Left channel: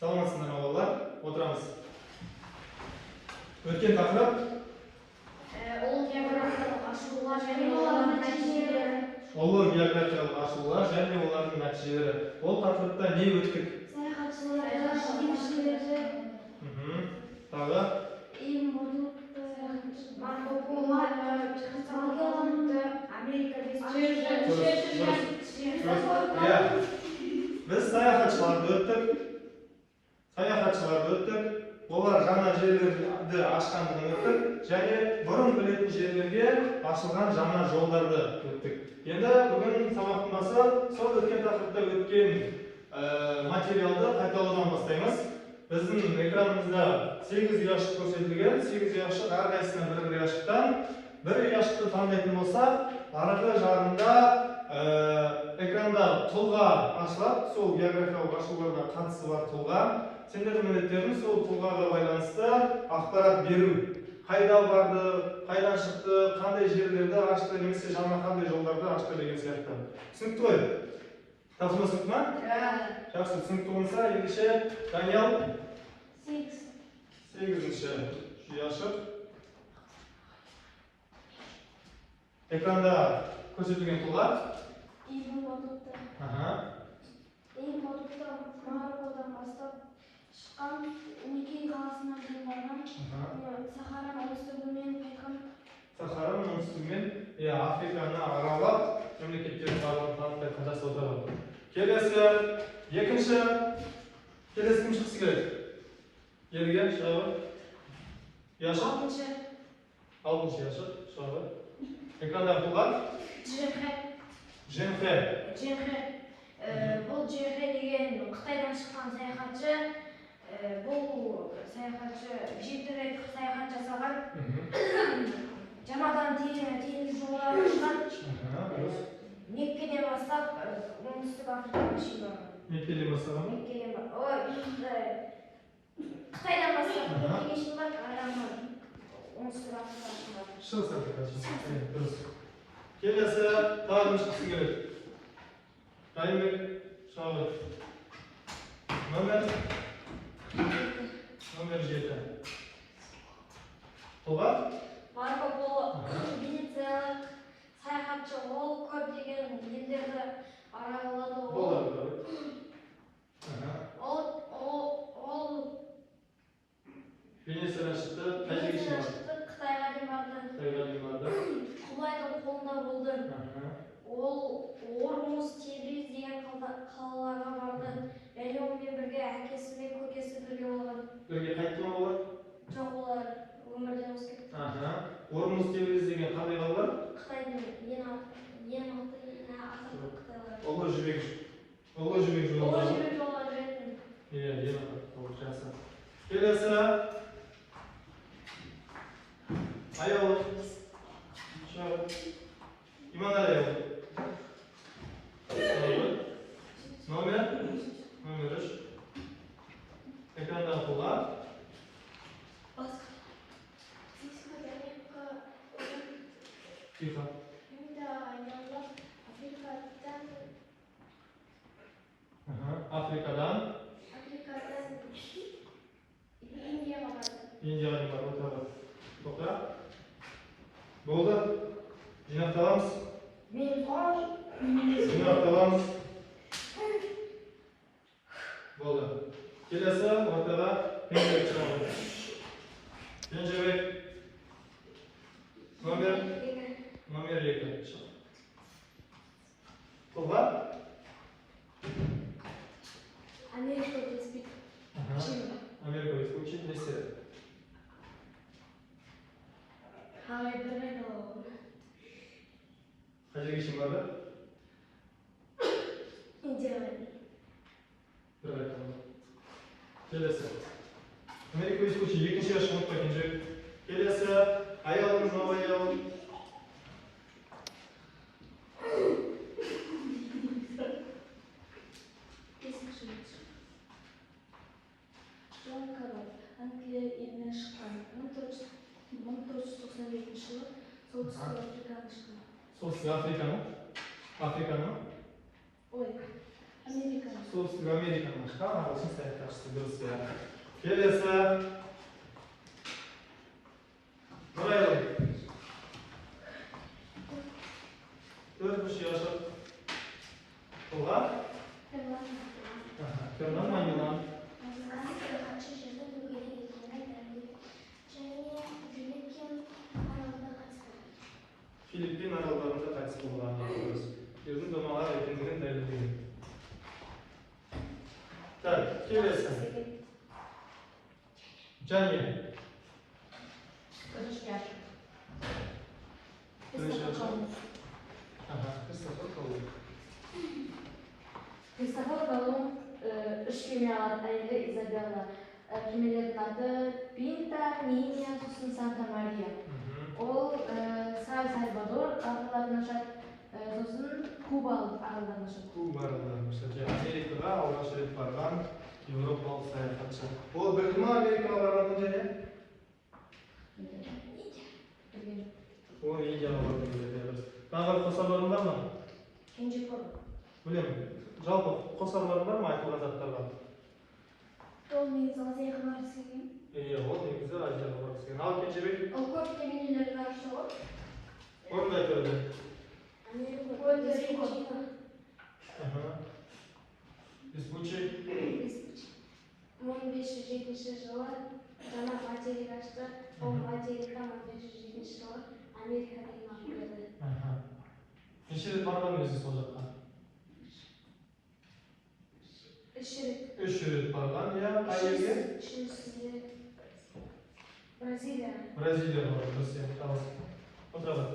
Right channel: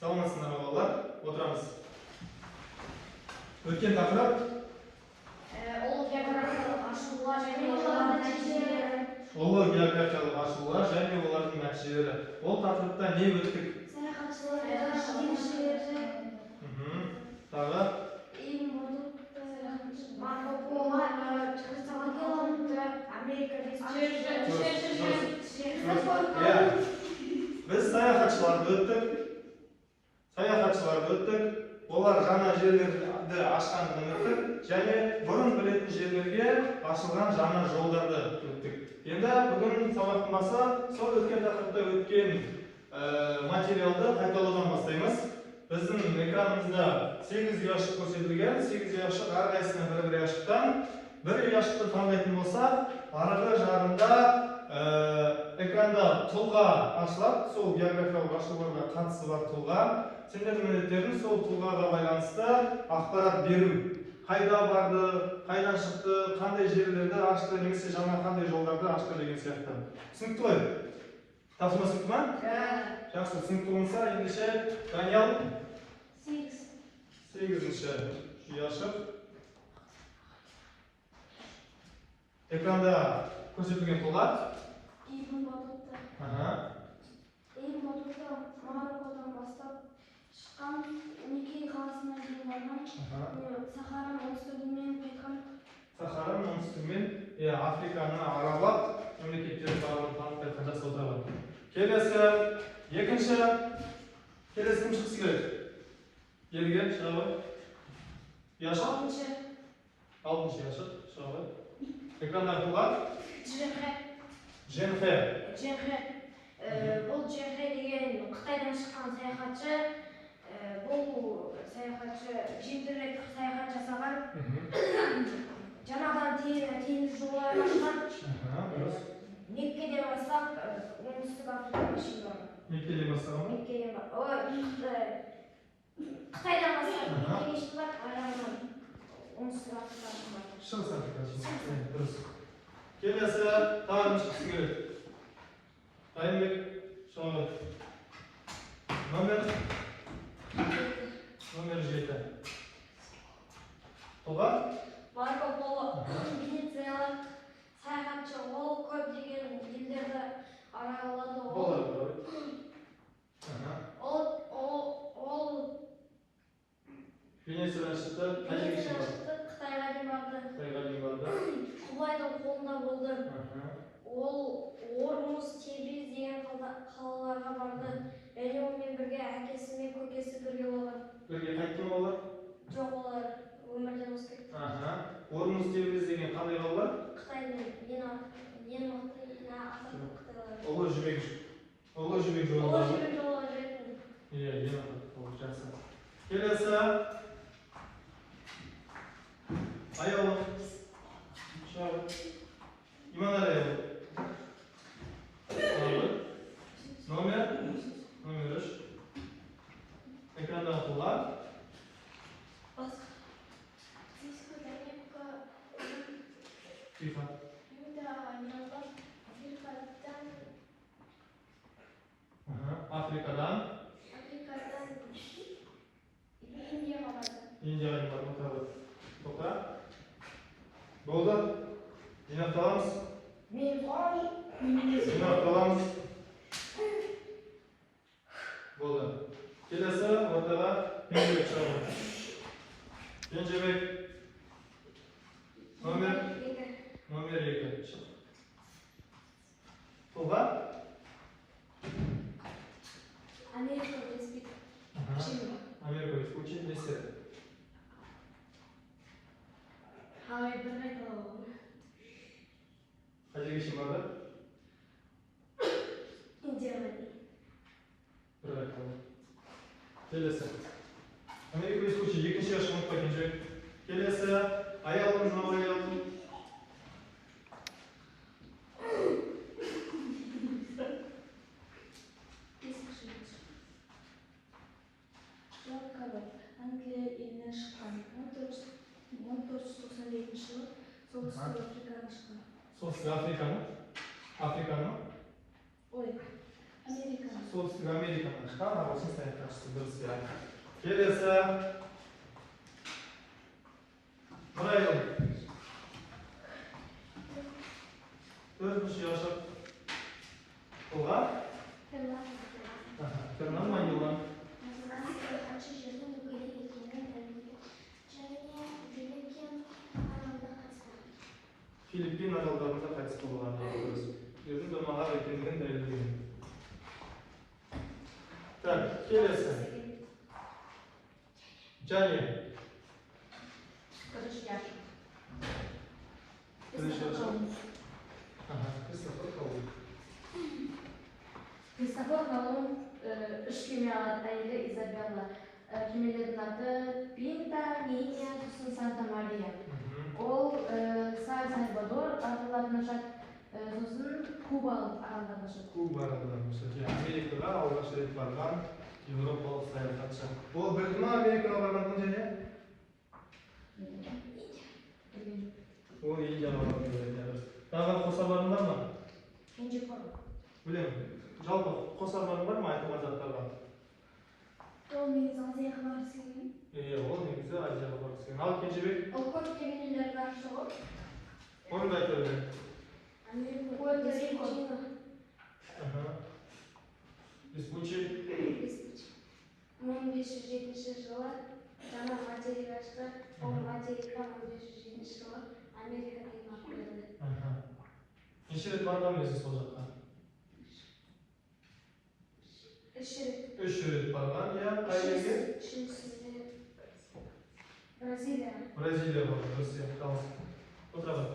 Саламатсыздар ма балалар? Отырамыз. Өткен тақырып Ол географиялық ашылулар және олардың нәтижелері. Ұлы географиялық ашылулар және олардың нәтижелері. Ол тақырыпта не өттік? Саяхатшылар, ізденушілер. Тағы? Марко Поло, Америка Біз саяхатшыларды өттік. Олар жаңа жерлерді ашқандығын өттік және бұрын білетін жерлерге ашылған жаңа жолдарды өттік. Енді бүгін сабақтың басы сол өткен тақырыпта өткен материалды қайталаудан бастаймыз. Біздің экранымызда 8 ұяшық көрсетілген. 8 ұяшық әрқайсысына бір ұяшықтан. Бір ұяшықты таңдайтын болса, арғы жағында экранда тұлға ашылады. Сол географиялық ашылуларға қатысы бар тұлға. Сендердің міндеттерің сол тұлғаға байланысты ақпарат беру. Қайда барды, қайдан шықты, қандай жерлерді ашты, немесе жаңа қандай жолдарды ашты деген сияқты. Түсінікті ғой? Тапсырма түсінікті ма? Жақсы, түсінікті болса, ендеше Даниял 8-ші ұяшық. Экранда көрсетілген тұлға. Мароккодан бастап шыққан, Никей қаласынан дейін барған, Сахараның оңтүстігімен қайтқан. Сахараның оңтүстігімен Африканы аралап, мемлекеттерін барлығын жасап отырған. Келесі, екінші. Келесі кім шықсы керек? Ерге шығабы? Яшық? 6-шы яшық шығабы? Экрандағы тұлға? Дженхэ. Бұл Дженхэ деген Қытайдан шыққан саяхатшы. Бұл саяхатшы 7 рет саяхат жасаған. Жаңадан теңіз жолдарын ашқан. Меккеден бастап оңтүстік Африкаға шейін барған. Меккеден бастаған ба? Қытайдан бастап Меккеге шейін барып, арамнан оңтүстік Африкаға шейін барған. Шығыс Африкаға шейін. Дұрыс. Келесі тағы шықсы керек. Райымбек шығабы. Номер 7. Тұлға? Марко Поло венециялық саяхатшы. Ол көптеген елдерді аралады. Ол Венециядан шықты, қай жерге шейін барды? Қытайға дейін барды. Құбылайдың қолында болды. Ол Ормуз, Тебриз деген қалаларға барды. Және онымен бірге әкесі мен көкесі бірге болған. Бірге қайтты ма олар? Жоқ, олар өмірден өз кетті. Ормуз, Тебриз деген қандай қалалар? Қытайдың ең мықты, атақты Қытайлар. Ұлы жібек жолы. Ұлы жібек жолы жүретін. Ең мықты, жақсы. Келесі. Аяулы. Иманәлі аяулы. Номер 3. Экрандағы тұлға. Тихо. Африкадан Индияға дейін барды. Тоқта. Болды. Жинақталамыз. Болды. Келесі ортаға Кенжебек шығады. Кенжебек. Номер 2. Тұлға? Америка Веспит. Америка Веспит. Не істеді? Қай жерге шейін барды? Индияға. Бір айтылды. Келесі. Америка Веспит 2-ші ұяшық ұмытпай Кенжебек. Келесі. Аяулымыз мынау аяулым. Англия елінен шыққан. 1492 жылы солтүстік Африкадан шыққан. Солтүстік Африканы? Ой. Amerika. Солтүстік Америкадан шыққан ағылшын саяхатшысы дұрыс иә. Келесі. Нұрайлы. Төртінші Яшар. Қолға? Фернан Майнилан. Филиппин аралдарында қайтыс болған дұрыс. Ердің домаға екендігін дәлелдеген. Так, келесі. Және. Кристофор Колумб. Кристофор Колумб үш кеме алады, әйелі Изабелла. Кемелердің аты Пинта, Ниня, сосын Санта Мария. Ол Сальвадор аралдарына ашады, сосын Куба аралдарына ашады. Куба аралдарына ашады. Америкаға алғаш рет барған еуропалық саяхатшы. Ол білді ма Америкаға барған және? Ол Индияға барған дұрыс. Тағы қосарларың бар ма? Кенже көрдім. Білемін. Жалпы қосарларың бар ма айтылған заттарға? Ол негізі Азияға барғысы келген. Ол негізі Азияға барғысы келген. Ал Кенжебек? Ол көп кемелерге ашы ғой. Орында айта білді. Республика. 1507 жылы жаңа материк ашты. Ол материктен 1507 жылы Америкаға имам берді. Неше рет барған өзі сол жаққа? Үш рет барған, иә. Қай елге? Үшіншісі Бразилия. Бразилияға барған, дұрыс иә. Отыра бар.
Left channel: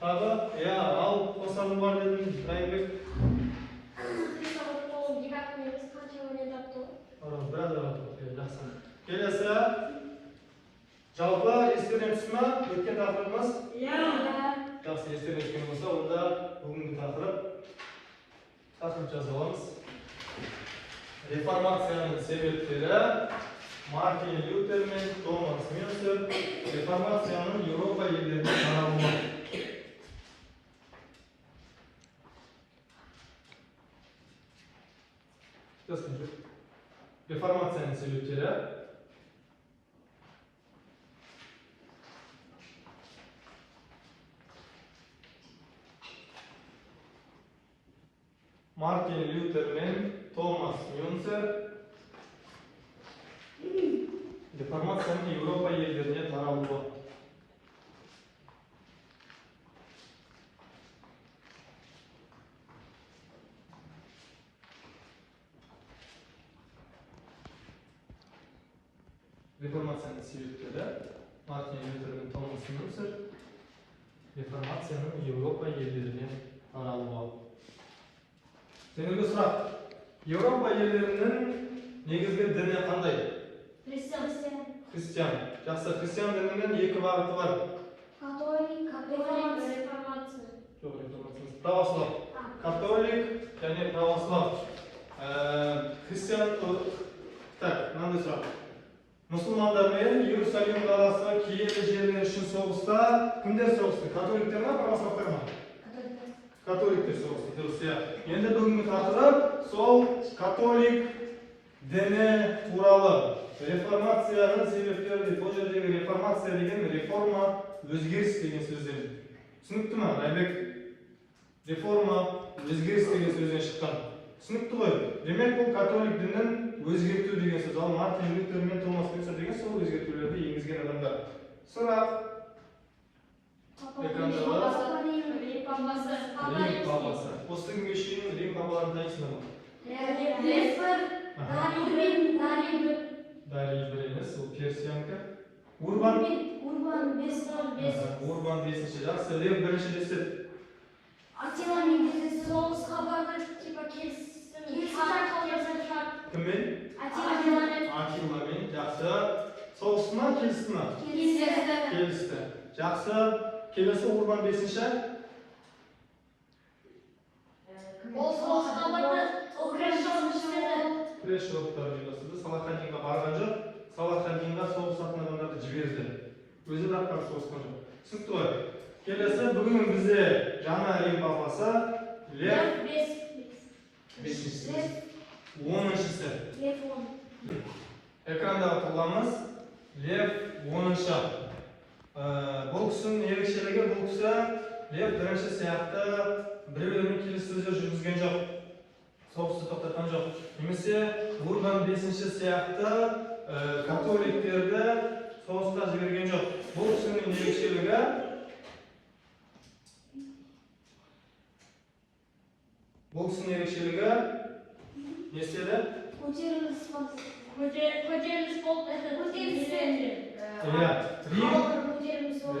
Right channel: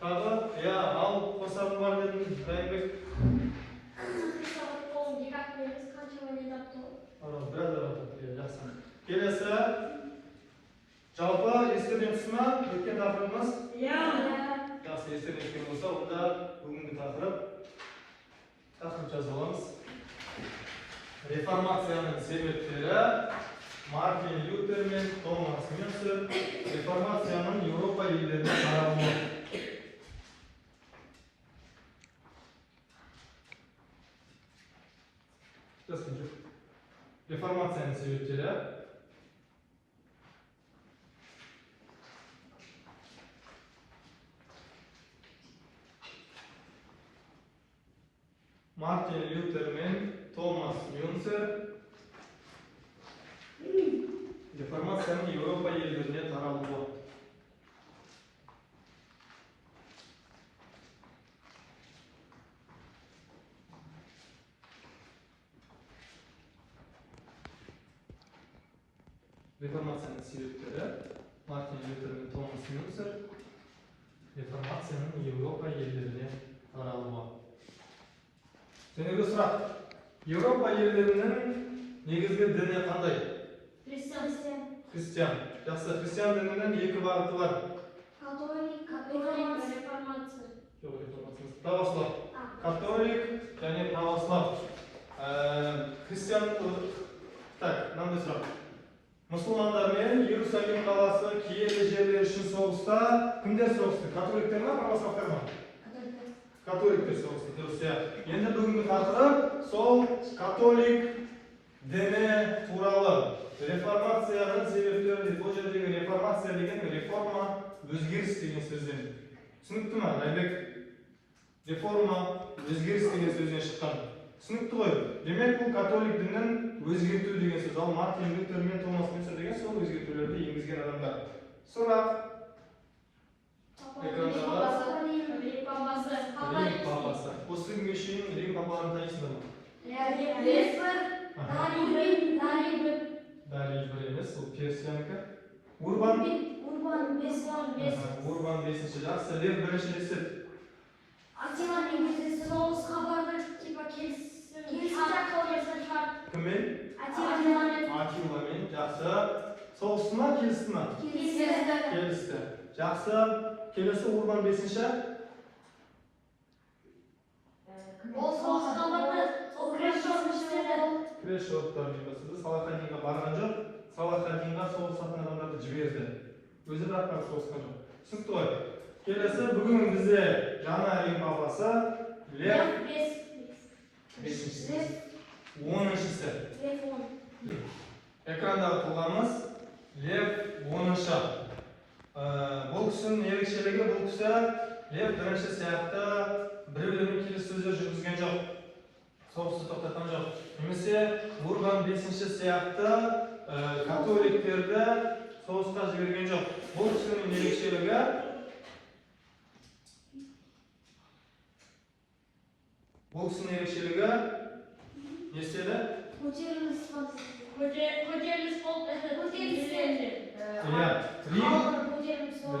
Тағы, иә, ал қосарың бар дедің, Райымбек. Кристофор Колумб екі-ақ емес қанша өнер тапты ғой. Біраз тапты, жақсы. Келесі. Жалпы естерден түсті ме? Өткен тақырыбымыз? Иә. Жақсы, естерден түскен болса, онда бүгінгі тақырып жазып аламыз. Реформацияның себептері Мартин Лютер мен Томас Мюнцер реформацияның Еуропа елдеріне таралуы. Реформацияның себептері Мартин Лютер мен Томас Мюнцер реформацияның Еуропа елдеріне таралуы. Реформацияның себептері Мартин Лютер мен Томас Мюнцер реформацияның Еуропа елдеріне таралуы. Сенегі сұрақ. Еуропа елдерінің негізгі діні қандай? Христиан. Жақсы, христиан дінінің екі бағыты бар. Католик, реформация. Жоқ, реформация. Православ. Католик және православ. Христиан. Так, мынандай сұрақ. Мұсылмандар мен Иерусалим қаласы киелі жерлер үшін соғыста кімдер соғысты? Католиктер ма, православтар ма? Католиктер соғысты, дұрыс иә. Енді бүгінгі тақырып сол католик діні туралы. Реформацияның себептері, бұл жердегі реформация деген реформа, өзгеріс деген сөзден. Түсінікті ма, Райбек? Реформа, өзгеріс деген сөзден шыққан. Түсінікті ғой. Демек бұл католик дінін өзгерту деген сөз. Ал Мартин Лютер мен Томас Мюнцер деген сол өзгертулерді енгізген адамдар. Сұрақ. Рим папасы. Осы күнге шейін Рим папаларын танисыңдар ма? Бәрі бір емес, ол Персиянікі. Урбан 5-ші. Жақсы, Лев 1-ші деседі. Кіммен? Атиламен. Жақсы. Соғысты ма, келісті ма? Келісті. Жақсы. Келесі Урбан 5-ші. Күрес жауаптарын ұйымдастырды. Салахаддинға барған жоқ. Салахаддинға соғысатын адамдарды жіберді. Өзі даққан соғысқан жоқ. Түсінікті ғой. Келесі бүгін бізде жаңа Рим папасы Лев Бешіншісі. Лев. 10-шісі. Лев 10. Экрандағы тұлғамыз Лев 10-шы. Бұл кісінің ерекшелігі, бұл кісі Лев 1-ші сияқты біреулермен келіссөздер жүргізген жоқ. Соғысты тоқтатқан жоқ. Немесе Урбан 5-ші сияқты католиктерді соғысқа жіберген жоқ. Бұл кісінің ерекшелігі не істеді? Көтеріліс болды.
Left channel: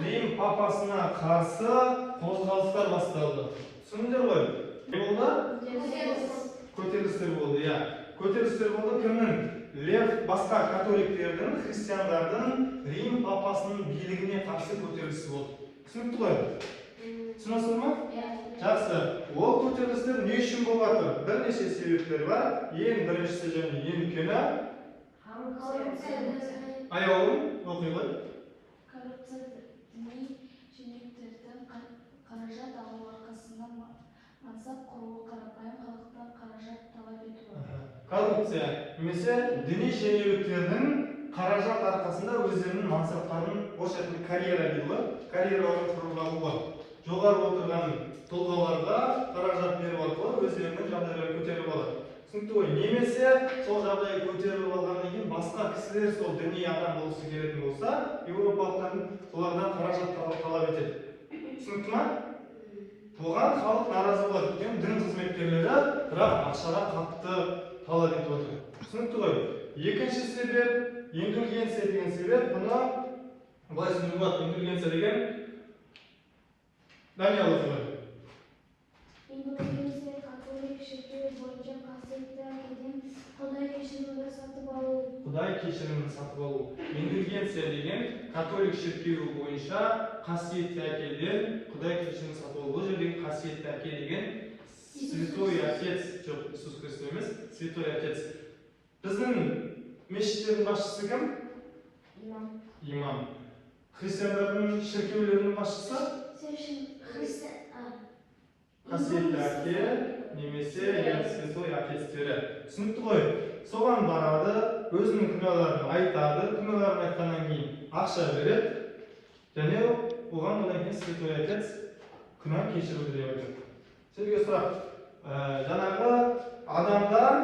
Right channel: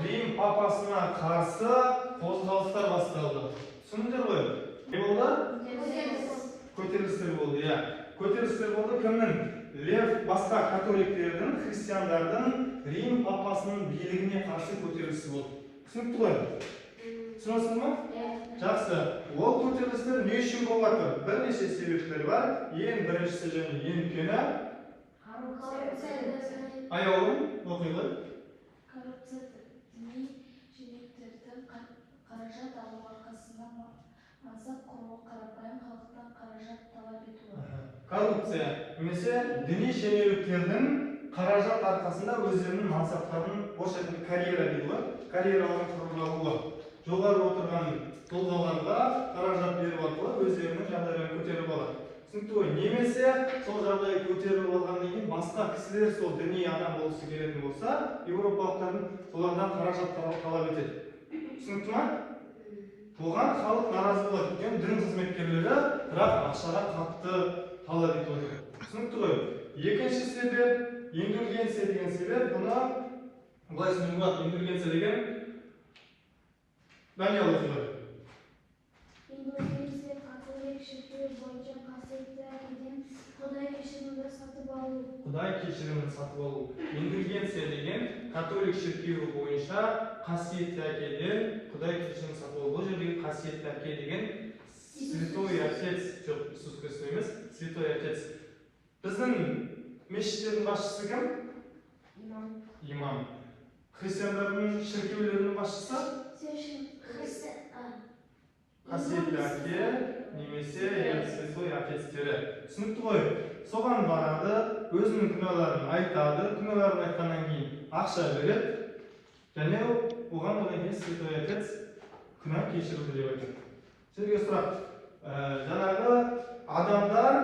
Рим папасына қарсы қозғалыстар басталды. Түсіндіңдер ғой? Не болды? Көтерілістер болды, иә. Көтерілістер болды кімнің? Лев басқа католиктердің, христиандардың Рим папасының билігіне қарсы көтерілісі болды. Түсінікті ғой? Түсінесіз ме? Жақсы. Ол көтерілістер не үшін болып жатыр? Бірнеше себептер бар. Ең біріншісі және ең үлкені аяулым оқи ғой. Коррупция діни шенеуніктердің қаражат алу арқасында мансап құруы, қарапайым халықтан қаражат талап етуі. Коррупция немесе діни шенеуніктердің қаражат арқасында өздерінің мансаптарын, орысша айтқанда карьера дейді ғой, карьераларын құрып алуы. Жоғары отырған тұлғаларға қаражат беріп арқылы өздерінің жағдайларын көтеріп алады. Түсінікті ғой? Немесе сол жағдайды көтеріп алғаннан кейін басқа кісілер сол діни адам болғысы келетін болса, еуропалықтардың солардан қаражат талап етеді. Түсінікті ме? Оған халық наразы болады. Өйткені дін қызметкерлері бірақ ақшаға қатты талап етіп отыр. Түсінікті ғой? Екінші себеп индульгенция деген себеп. Бұны былай түсінуге болады. Индульгенция деген Даниял оқи ғой. Индульгенция католик шіркеуі бойынша қасиетті әкеден Құдай кешірімді сатып алу. Құдай кешірімін сатып алу. Индульгенция деген католик шіркеуі бойынша қасиетті әкеден Құдай кешірімін сатып алу. Бұл жердегі қасиетті әке деген Святой Отец, жоқ, Иисус Христос емес, Святой Отец. Біздің мешіттердің басшысы кім? Имам. Христиандардың шіркеулерінің басшысы? Қасиетті әке немесе Святой Отецтері. Түсінікті ғой? Соған барады, өзінің күнәларын айтады, күнәларын айтқаннан кейін ақша береді, және оған кейін Святой Отец күнә кешіруді деп айтады. Сізге сұрақ, жаңағы адамдар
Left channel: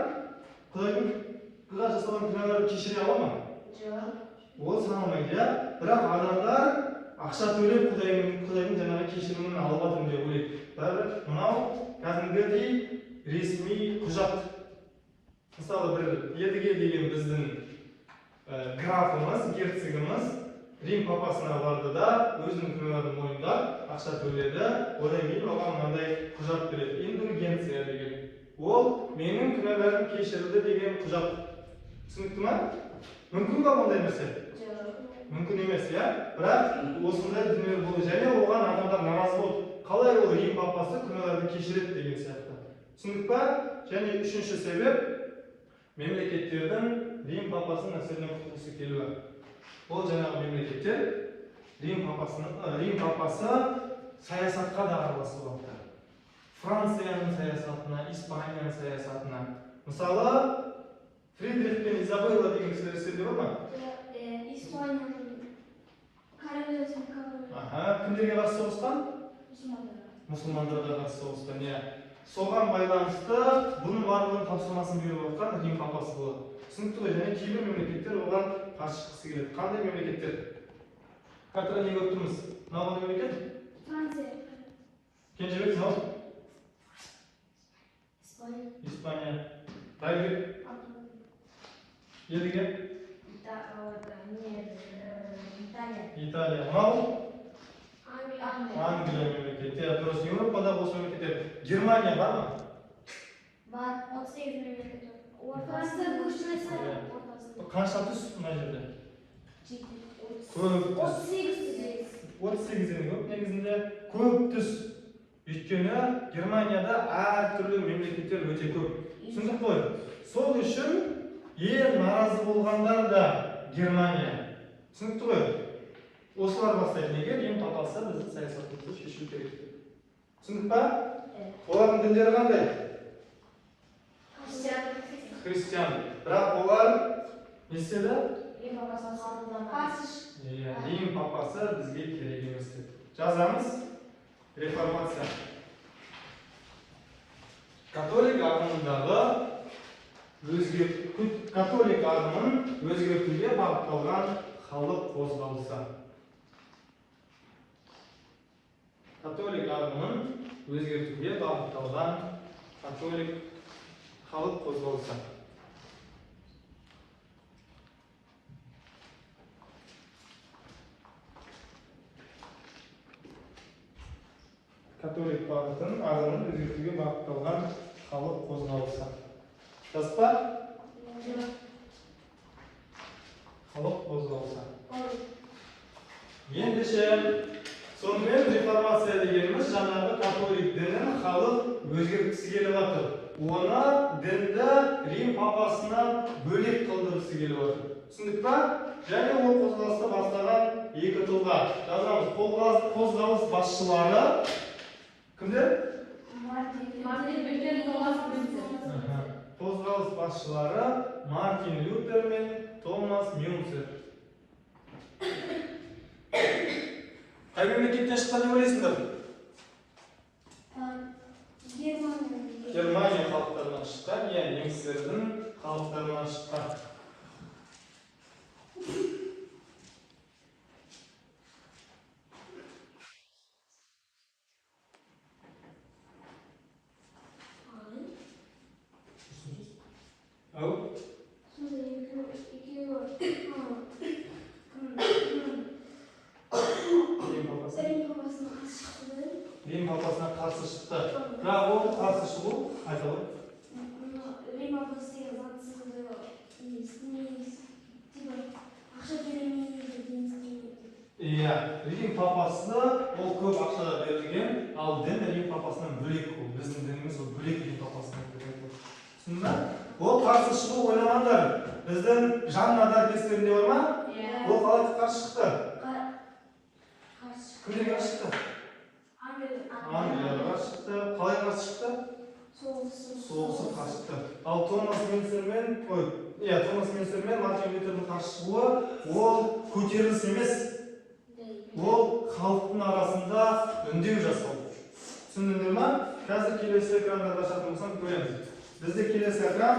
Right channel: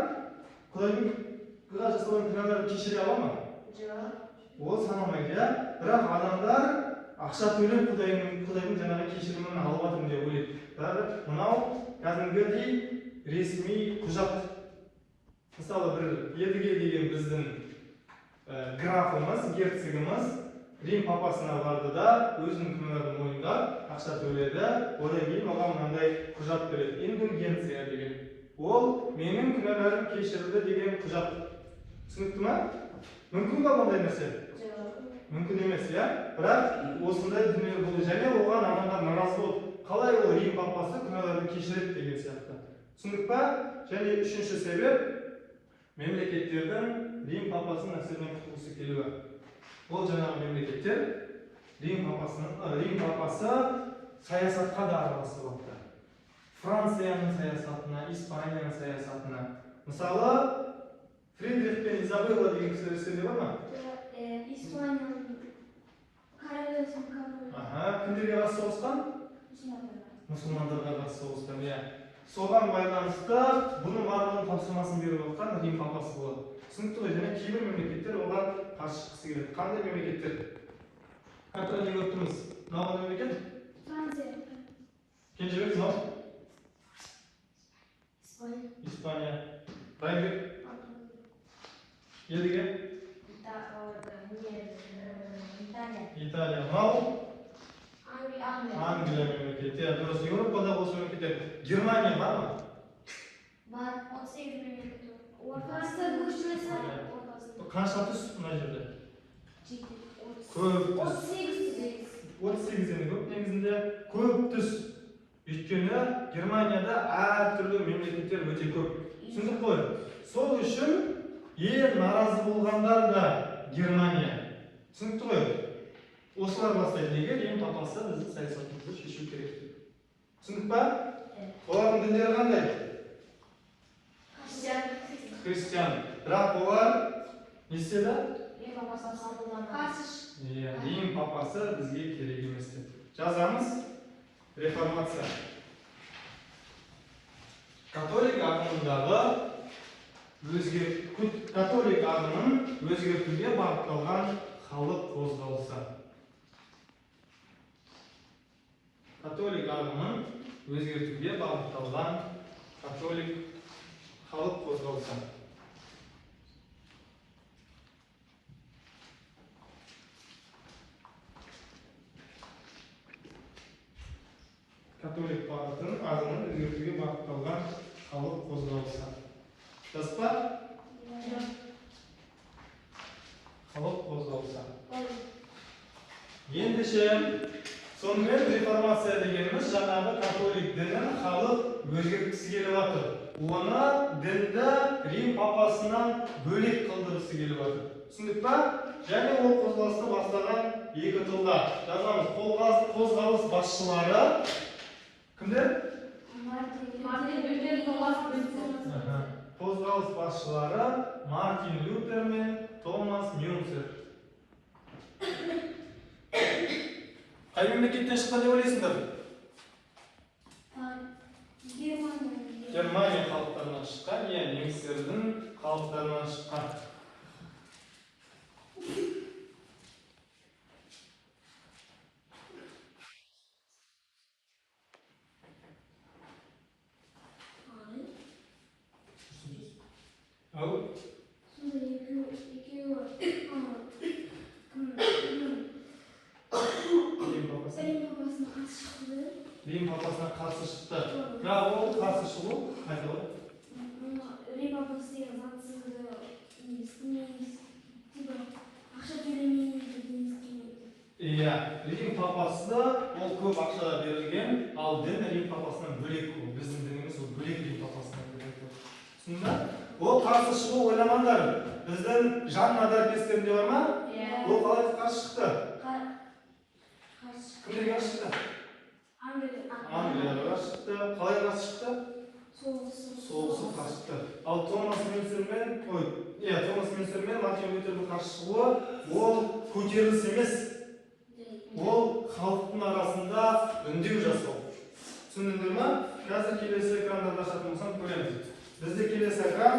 Құдайға жасалған күнәларын кешіре ала ма? Жоқ. Ол саналмайды, иә? Бірақ адамдар ақша төлеп Құдайдың жаңағы кешірімін алып жатырмын деп ойлайды. Бірақ мынау кәдімгідей ресми құжат. Мысалы бір едіге деген біздің графымыз, герцогымыз Рим папасына барды да өзінің күнәларын мойындап ақша төледі. Одан кейін оған мынандай құжат береді. Индульгенция деген. Ол менің күнәларым кешірілді деген құжат. Түсінікті ме? Мүмкін ба ондай нәрсе? Мүмкін емес, иә? Бірақ осындай дүниелер болды. Және оған адамдар наразы болды. Қалай ол Рим папасы күнәларды кешіреді деген сияқты. Түсіндік па? Және үшінші себеп мемлекеттердің Рим папасының әсерінен құтылғысы келуі. Ол жаңағы мемлекеттер Рим папасы саясатқа да араласып отыр. Францияның саясатына, Испанияның саясатына. Мысалы, Фридрих пен Изабелла деген кісілер естеріңізде бар ма? Испанияның королевасының королі. Кімдерге қарсы соғысқан? Мұсылмандарға қарсы соғысқан, иә. Соған байланысты бұның барлығын тапсырмасын беріп отқан Рим папасы болады. Түсінікті ғой, және кейбір мемлекеттер оған қарсы шыққысы келеді. Қандай мемлекеттер? Картаға не көріп тұрмыз? Мынау қандай мемлекет? Франция. Кенжебек, мынау? Испания. Райбек? Едіге? Италия. Мынау? Англия мемлекеті. Дұрыс, Еуропадағы осы мемлекеттер. Германия бар ма? Бар, 38 мемлекет. Ортасында көршілесі. Қанша тұс мына жерде? 38 көп, негізінде көп түс. Өйткені Германияда әртүрлі мемлекеттер өте көп. Түсіндік қой? Сол үшін ең наразы болғандар да Германия. Түсінікті ғой? Осылар бастайды. Неге Рим папасы біздің саясатымызды шешу керек деп. Түсіндік па? Олардың діндері қандай? Христиан. Бірақ олар не істеді? Рим папасын қабылдамады. Қарсы Рим папасы бізге керек емес деді. Жазамыз. Реформация. Католик ағымындағы католик ағымын өзгертуге бағытталған халық қозғалысы. Католик ағымын өзгертуге бағытталған католик халық қозғалысы. Католик ағымын өзгертуге бағытталған халық қозғалысы. Жазып па? Халық қозғалысы. Ендеше, сонымен реформация дегеніміз жаңағы католик дінін халық өзгерткісі келіп жатыр. Оны дінді Рим папасынан бөлек қылдырғысы келіп жатыр. Түсіндік па? Және ол қозғалысты бастаған екі тұлға. Жазамыз. Қозғалыс басшылары кімдер? Қозғалыс басшылары Мартин Лютер мен Томас Мюнцер. Қай мемлекеттен шыққан деп ойлайсыңдар? Германия халықтарынан шыққан, немістердің халықтарынан шыққан. Рим папасына қарсы шықты. Бірақ ол қарсы шығу айтылды. Рим папасы заңсыздығы істемейді, ақша төлемейді деген істемейді. Иә, Рим папасы ол көп ақша берілген, ал дін Рим папасынан бөлек ол. Біздің дініміз ол бөлек Рим папасынан бөлек. Түсінді? Ол қарсы шығу ойламаңдар. Біздің Жанна дәрігерінде бар ма? Ол қалай қарсы шықты? Кімдерге қарсы шықты? Англияға шықты. Қалай қарсы шықты? Соғысы қарсы шықты. Ал Томас Мюнцер мен Мартин Лютердің қарсы шығуы ол көтеріліс емес. Ол халықтың арасында үндеу жасау. Түсіндіңдер ме? Қазір келесі экрандарда шақырып болсам көреміз. Бізде келесі экран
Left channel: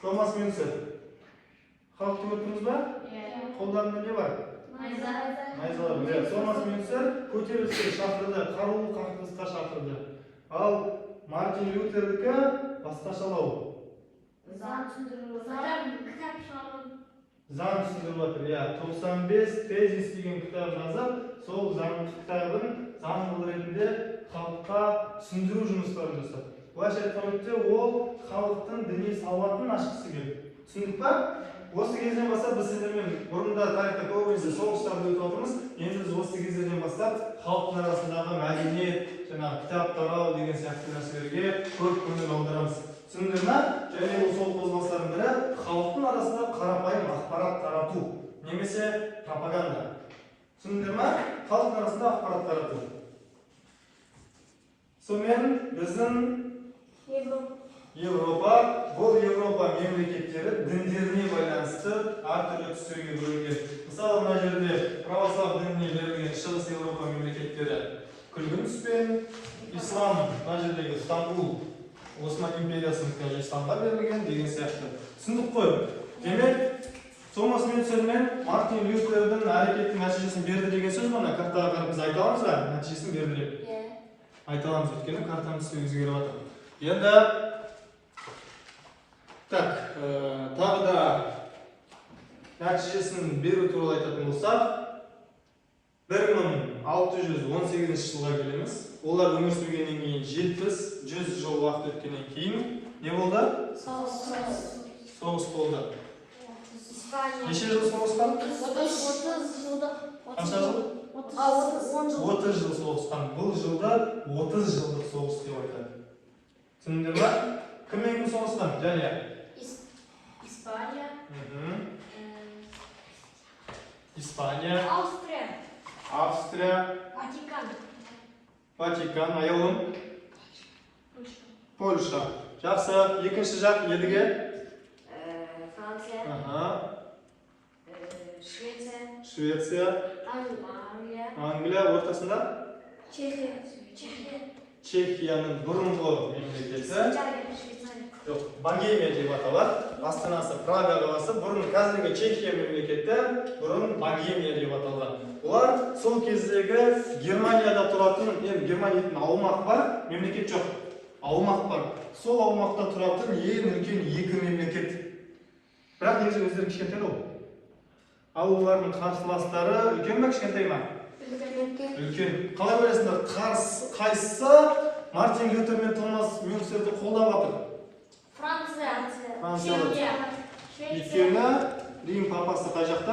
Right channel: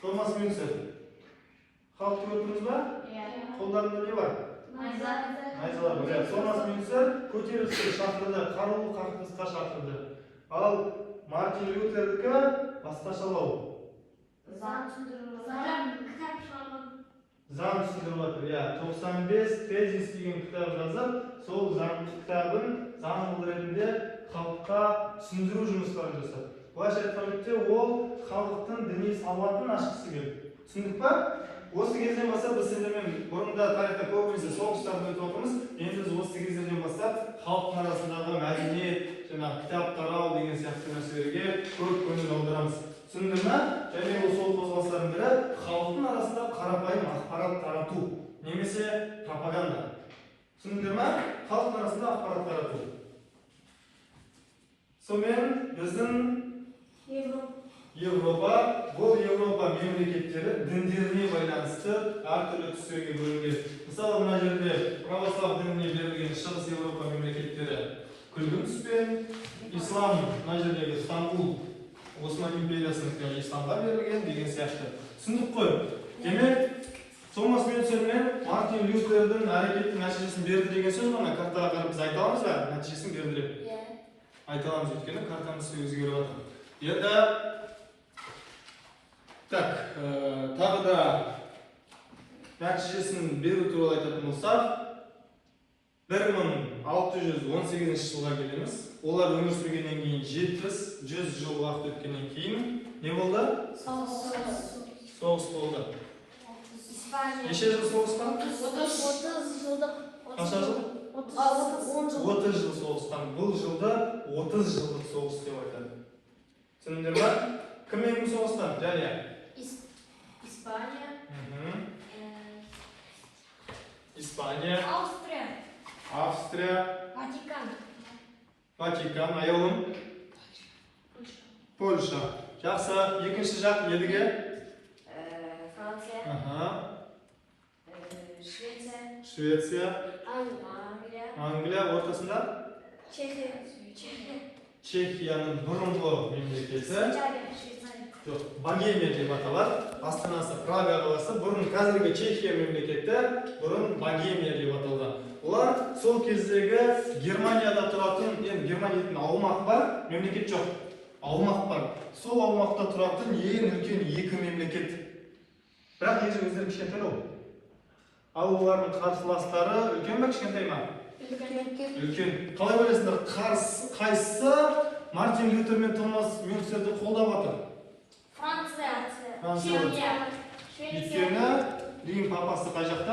Томас Мюнцер. Халықты көрдіңіз ба? Қолдарында не бар? Майзалар. Томас Мюнцер көтеріліске шақырды, қарулы қақтығысқа шақырды. Ал Мартин Лютердікі басқашалау. Заң түсіндіріп жатыр. 95 тезис деген кітап жазып, сол кітабын заң ретінде халыққа түсіндіру жұмыстарын жасады. Былайша айтқан кезде ол халықтың діни сауатын ашқысы келді. Түсіндік па? Осы кезден бастап біз сіздермен бұрында тарихта көбінесе соғыстарды өтіп отырмыз. Енді біз осы кездерден бастап халықтың арасындағы мәдениет, кітап тарау деген сияқты нәрселерге көп көңіл аударамыз. Түсіндіңдер ме? Және ол сол қозғалыстардың бірі халықтың арасында қарапайым ақпарат тарату, немесе пропаганда. Түсіндіңдер ме? Халықтың арасында ақпарат тарату. Сонымен біздің Европа, бұл Европа мемлекеттері діндеріне байланысты әртүрлі түстерге бөлінген. Мысалы, мына жерде православ дініне берілген шығыс Европа мемлекеттері күлгін түспен, ислам, мына жердегі Стамбул, Осман империясының исламға берілген деген сияқты. Түсіндік қой. Демек, Томас Мюнцер мен Мартин Лютердің әрекеттің нәтижесін берді деген сөз мына картаға қарап біз айта аламыз ба? Нәтижесін берді деп. Айта аламыз, өйткені картамыз өзгеріп жатыр. Енді тағы да нәтижесін беру туралы айтатын болсақ, 1618 жылға келеміз. Олар өмір сүргеннен кейін 70-100 жыл уақыт өткеннен кейін не болды? Соғыс болды. Неше жыл соғысқан? 30 жылдық. Қанша жыл? 30 жыл соғысқан. Бұл жылда 30 жылдық соғыс деп айтады. Түсіндіңдер ме? Кіммен соғысқан? Және Испания, Австрия, Ватикан, аяулым, Польша. Жақсы, екінші жақ едіге. Франция, Аха. Швеция, Швеция, Англия, Англия, ортасында Чехия, Чехияның бұрынғы мемлекеті. Швейцария. Жоқ, Богемия деп аталады. Астанасы Прага қаласы. Бұрын қазіргі Чехия мемлекеті, бұрын Богемия деп аталды. Олар сол кездегі Германияда тұратын, енді Германияның аумағы бар, мемлекет жоқ. Аумақ бар. Сол аумақта тұратын ең үлкен екі мемлекет. Бірақ негізі өздері кішкентай ол. Ал олардың қарсыластары үлкен ме, кішкентай ма? Үлкен. Қалай ойлайсыңдар? Қайсысы Мартин Лютер мен Томас Мюнхерді қолдап жатыр? Франция, Өйткені Рим папасы қай жақта?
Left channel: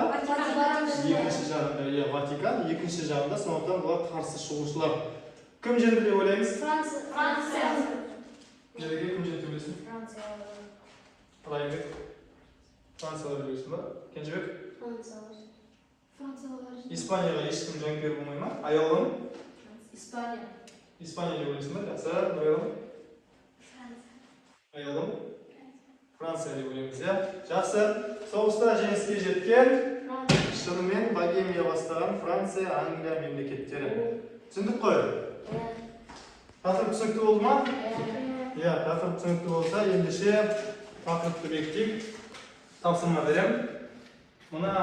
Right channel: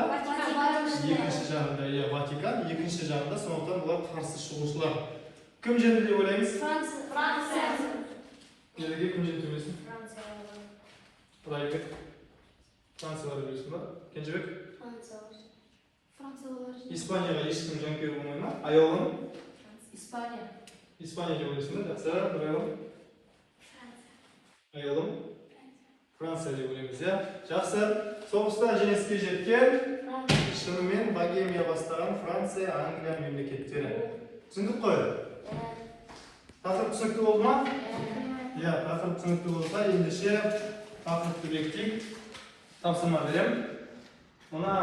Екінші жағында, иә, Ватикан, екінші жағында, сондықтан бұлар қарсы шығушылар. Кім жеңді деп ойлаймыз? Франция. Неге кім жеңді демесін? Райбек. Францияға білесің ба? Кенжебек? Испанияға ешкім жанкүйер болмай ма? Аяулым? Испания. Испания деп ойлайсың ба? Жақсы, аяулым? Аяулым? Франция деп ойлаймыз, иә? Жақсы. Соғыста жеңіске жеткен шынымен Богемия бастаған Франция, Англия мемлекеттері. Түсіндік қой? Тақырып түсінікті болды ма? Иә, тақырып түсінікті болса, ендеше тақырыпты бекітейік. Тапсырма берем. Мына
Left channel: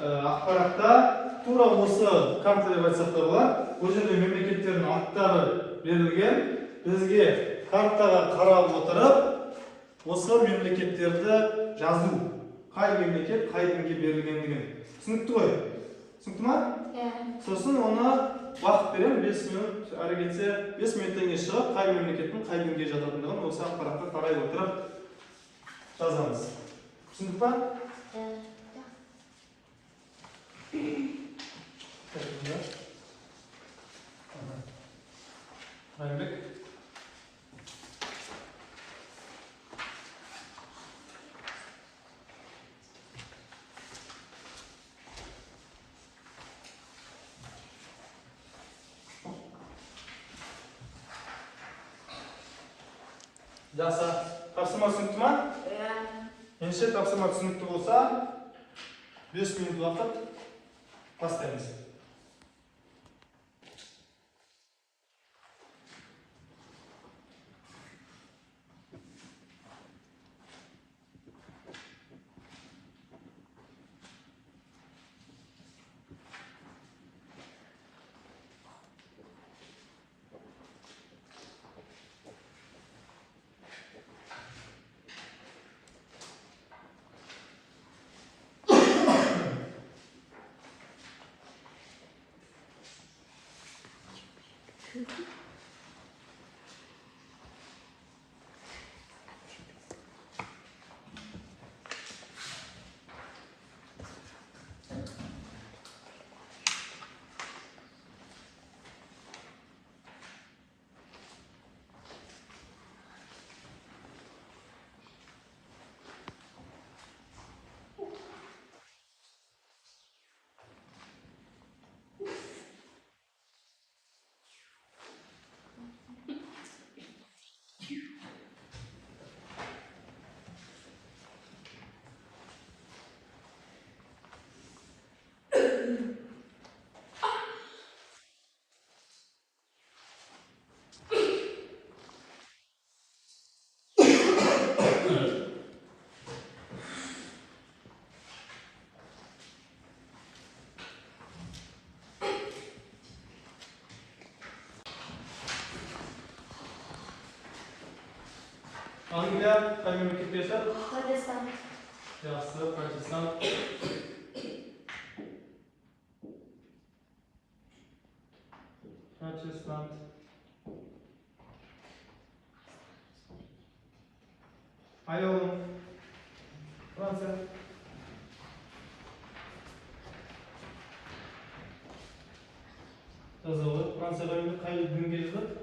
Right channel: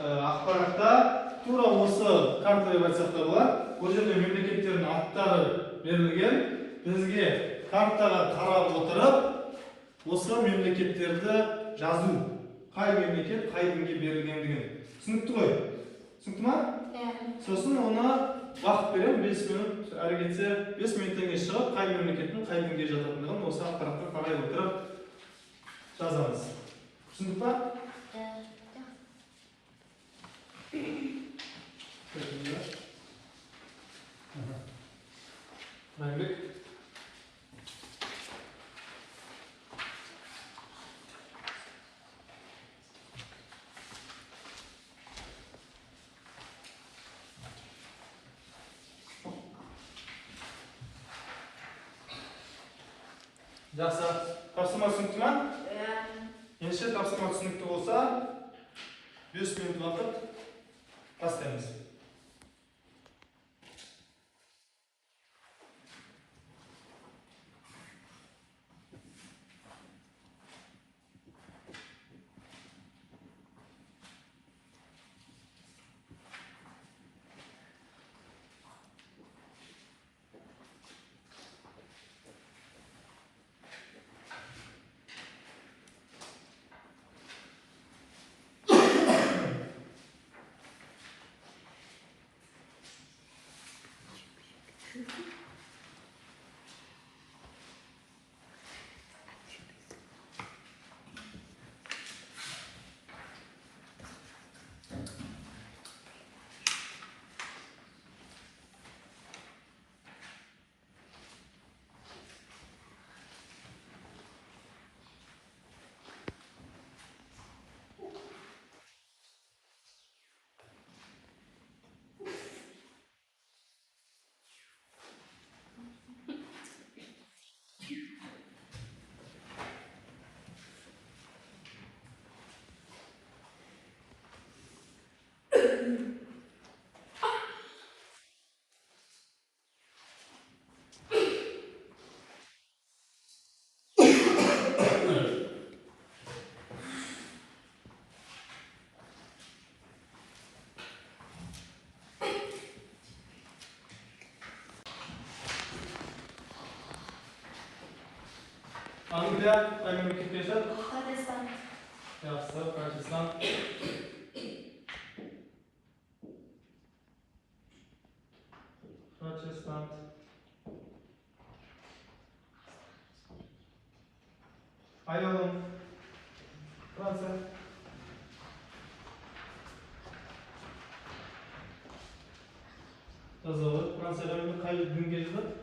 ақпаратта тура осы карта деп айтсақ та болады. Бұл жерде мемлекеттердің аттары берілген. Бізге картаға қарап отырып, осы мемлекеттерді жазу. Қай мемлекет, қай дінге берілгендігін. Түсінікті ғой? Түсінікті ма? Сосын оны уақыт берем, 5 минут, әрі кетсе 5 минуттан кейін шығып, қай мемлекеттің қай дінге жататындығын осы ақпаратқа қарай отырып жазамыз. Түсіндік па? Мәлімбек. Жақсы, тапсырма түсінікті ма? Ендеше тапсырма түсінікті болса, 5 минут уақыт бастаймыз. Anglия қай мемлекетте yaşar? Пакистан. Жақсы, Пакистан. Пакистан. Аяулым. Франция. Жазылды. Францияда қай дінге жатады?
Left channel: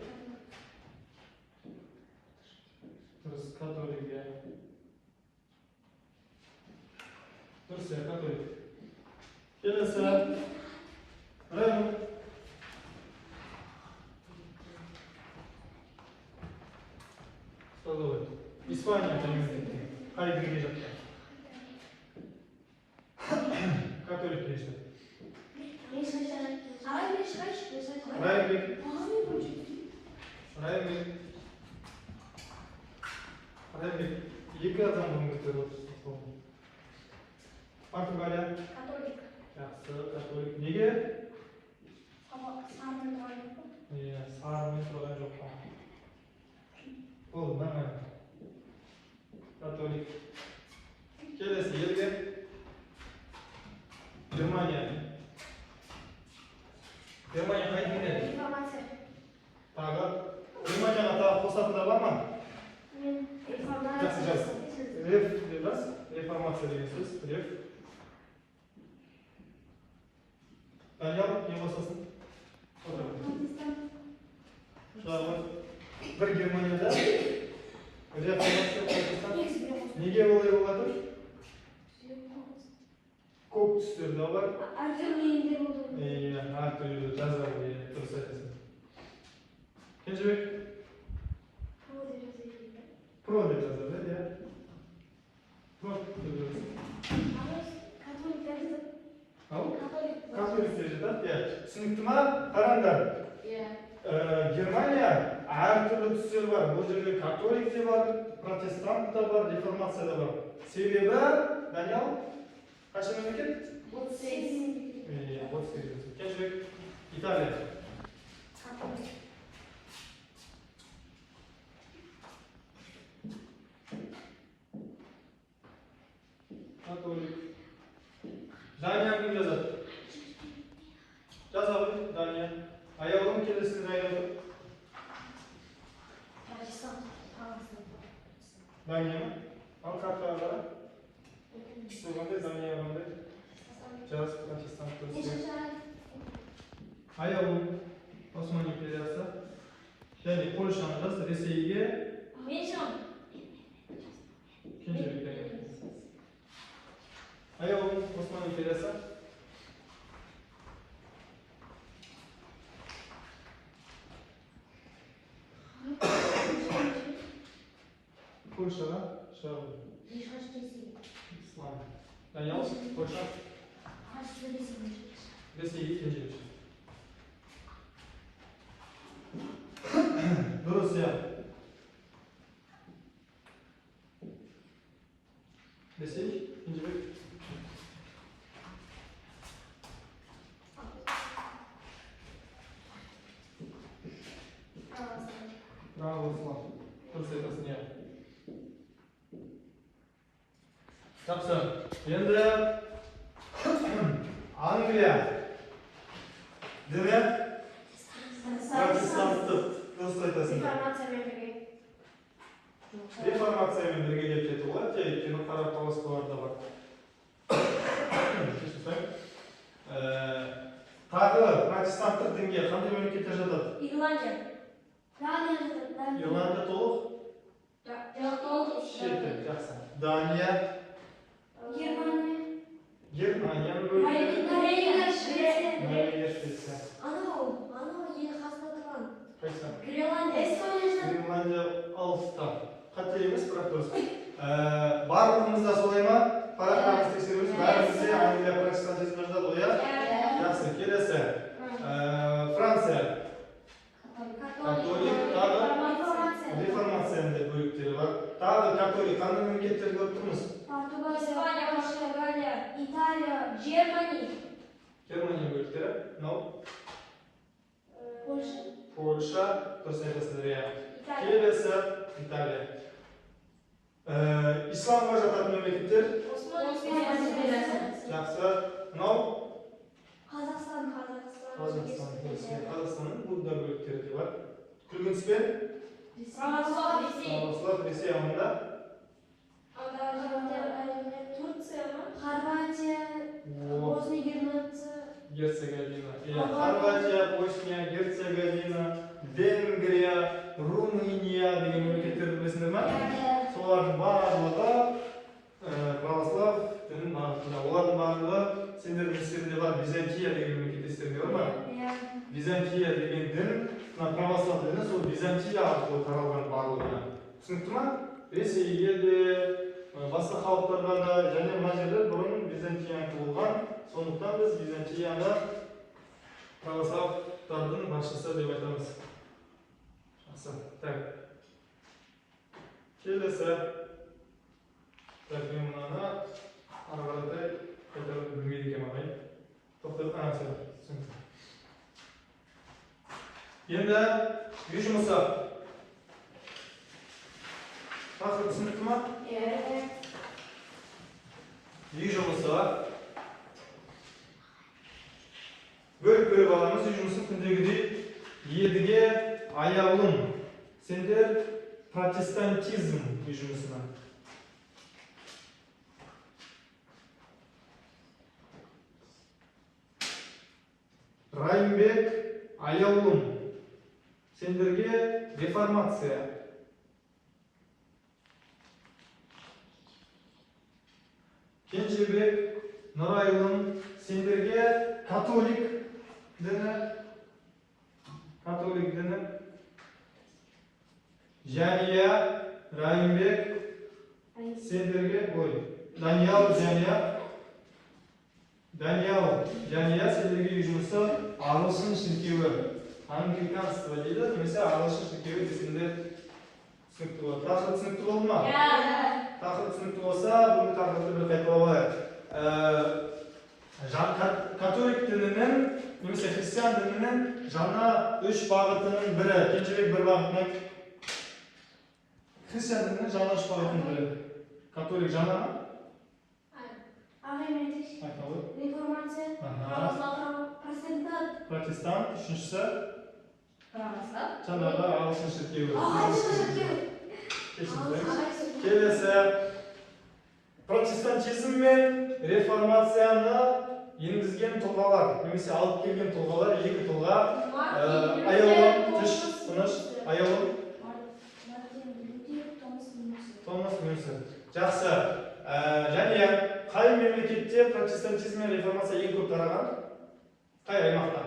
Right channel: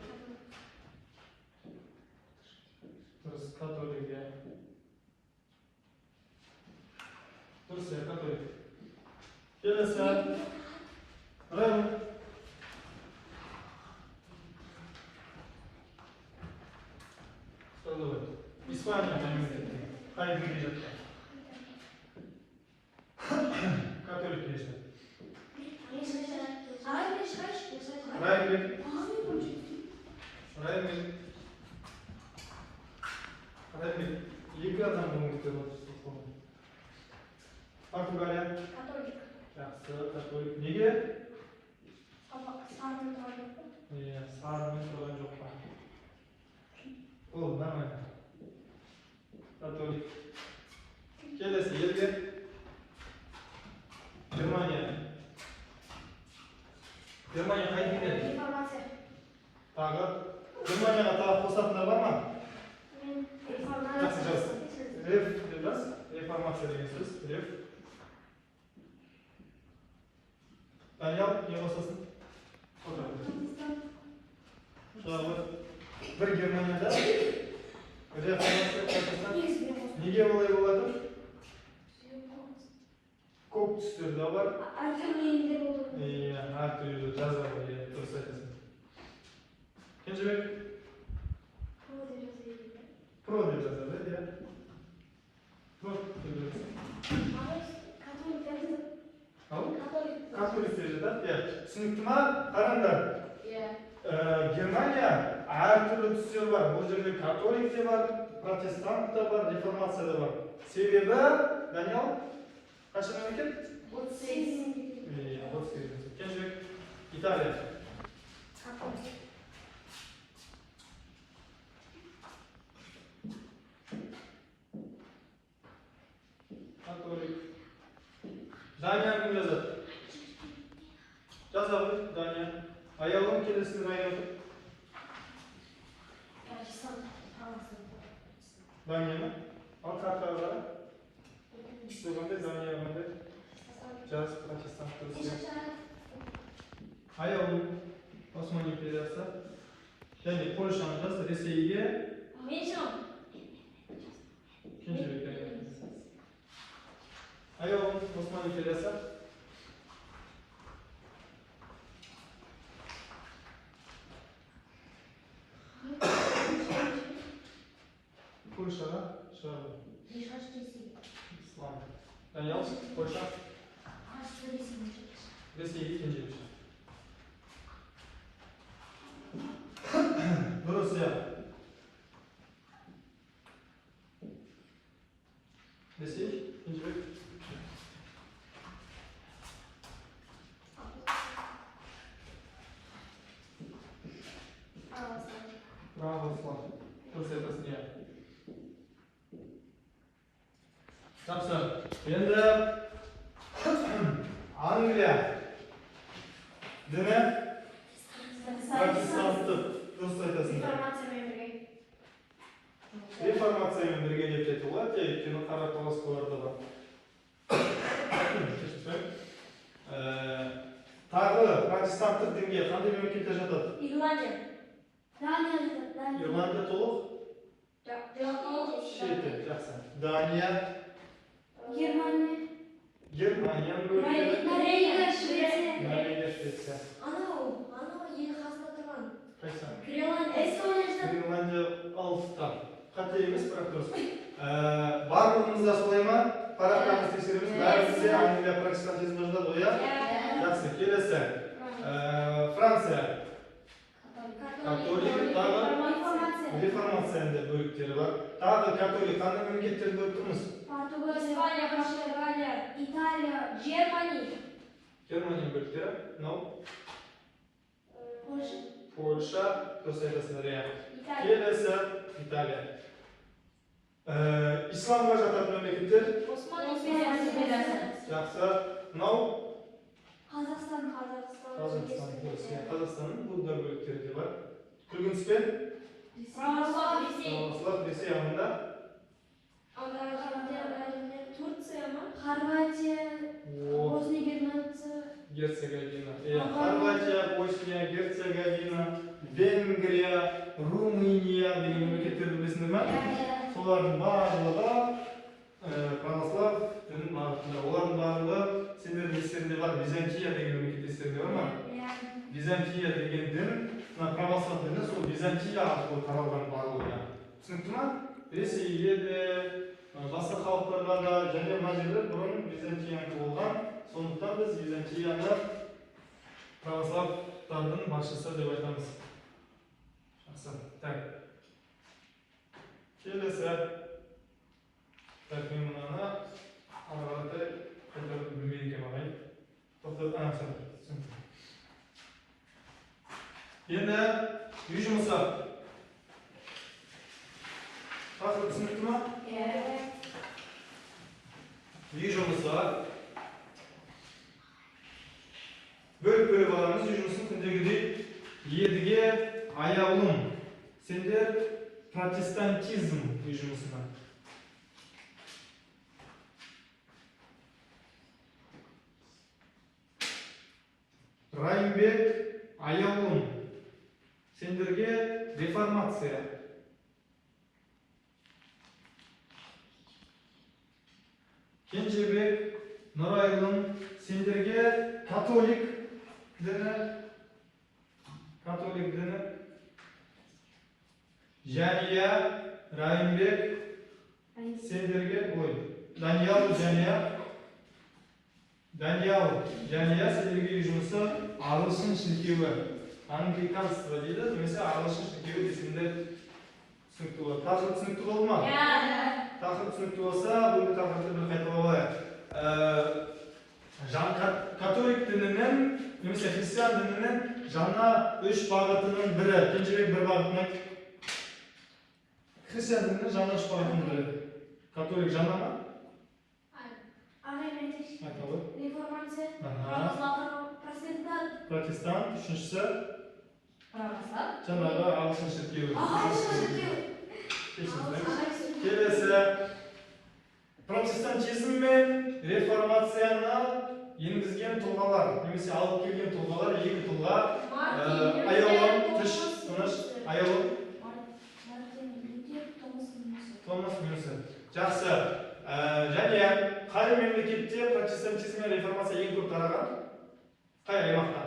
Дұрыс, католик, иә. Дұрыс, иә, католик. Келесі. Райым. Жазылды. dinге жатқан. Католик деуші. Райымбек. Екі адам бұны көтеріп отырсыз. Португалия. Католик. Жақсы, католик. Неге? Сарымен тұрған жоқ па? Иә, сарымен тұрған жоқ па. Ол, нормально. Католик. Келесі елге. Германия. Германия қай дінге? Реформация. Тағы. Германияға тағы қосатындар бар ма? Жақсы, жақсы. Реф дедіңіз. Реформация деген сөз. Реф. Даниял, не қосасың? Шағы. Бір Германияда реформация қосасың. Неге олай болады? Көп түстерді бар. Әртүрлі елдер болды. Иә, әртүрлі жазады, дұрыс айтасың. Кенжебек? Про деп жазады, иә. Про деп жазады. Ау? Католик деп жатады, иә. Түсінікті ма? Қараңдар. Германия әртүрлі түстер бар. Бұл жерде католик те бар, протестант та бар, реформация да бар. Себебі, Даниял, қанша мемлекет? 38. 38. Кенжебек, Италия. Католик. Дания кім жазады? Жаза ғой, Дания. Аяғым келесін Дания отыр. Дания ма? Ал картаға қара. Түсі қандай, Дания қандай? Жас протестант тұрысы. Аяғым Осман империясы. Және Польшаны жаз, Ресейге. Кенжебек. Аяғым Осман империясы. Польшаға шағын. Ислам. Даниял, Польша. Ресейге Кенжебек. Дұрыс, иә. Ресей, Кенжебек. Православ. Дұрыс айтасың, иә. Жақсы. Енді Англия. Дені? Протестанттық. Дұрыс айтасың. Реформациямен бірге деп жетті ғой, өйткені қарақаласкаларда бар. Тағы протестанттық дінге қандай мемлекеттер жатады? Ирландия. Ирландия толық? Шетте, жақсы. Дания. Германия. Норвегия, Швеция. Норвегия, Швеция. Анау ел қасында тұрған. Қайсы? Гренландия. Алыста. Қате емес, бірақ дұрыс. Барлығымызда солай ма? Парақтарымыз тексереміз. Бәрімізде Англия протестантизм жазады ғой, иә? Жақсы, келесі. Франция. Католик, тағы реформацияның бөліктері бар. Тағы католик, қандай мемлекеттерді көріп тұрмыз? Испания, Португалия, Италия, Германия. Германия бөліктері. Мынау? Польша, дұрыс айтасыздар, иә. Келесі Италия. Исламға жататын мемлекеттер? Жақсы. Мынау? Қазақстанның бұл да бөліктері де бар. Күлгінспен? Православ, Ресей ағымында? Турция ма? Хорватия, Босния, Герцеговина. Хорватия, Босния, Герцеговина, Венгрия, Румыния деген мемлекеттерді білесіңдер ма? Солардың барлығы православ дінінің бағытында. Олардың барлығы сендердің естерінде бар. Византия деген мемлекет естерінде бар ма? Византия деген дін, православ діні сол Византия арқылы таралған барлығы. Түсінікті ма? Ресейге де, басқа халықтарға да және мына жерде бұрын Византиянікі болған. Сондықтан біз Византияны православтардың басшысы деп айтамыз. Жақсы. Так. Келесі. Так, мен мынаны ары қаратай қайтарып білмейді екенмін ағай. Тоқтап анасы. Енді үй жұмысы. Тақырып түсінікті ма? Үй жұмысы. Бөліп бөліп аламыз үй жұмысын күндегідей. Едіге аяулым. Сендер протестантизм үй жұмысына. Райымбек аяулым. Сендерге реформация. Кенжебек Нұрайлым. Сендерге католик діні. Жәния Райымбек. Сендерге Даниял Жәния сендерге үй жұмысы ағылшын шіркеуі. Англиканство дейді, немесе ағылшын шіркеуі десінде түсінікті болады. Тақырып түсінікті болды ма? Тақырып түсінікті болса, бұл тақырыпты бір қайталап алайық. Католик дінінің, немесе христиан дінінің жаңа үш бағытының бірі. Кенжебек бір бағытын айт. Христиан дінінің жаңа үш бағытының бірі. Католик жаңа ма? Реформация, протестант, үшіншісі Православ. жаңағы ағылшын шіркеуі. Келесі протестантизм мен реформацияны енгізген тұлғалар, немесе алып келген тұлғалар, екі тұлға. Аяулым, аяулым. Томас Мюнсен. Жақсы. Және қай мемлекетте протестантизм мен реформация ең көп тараған? Қай аймақта?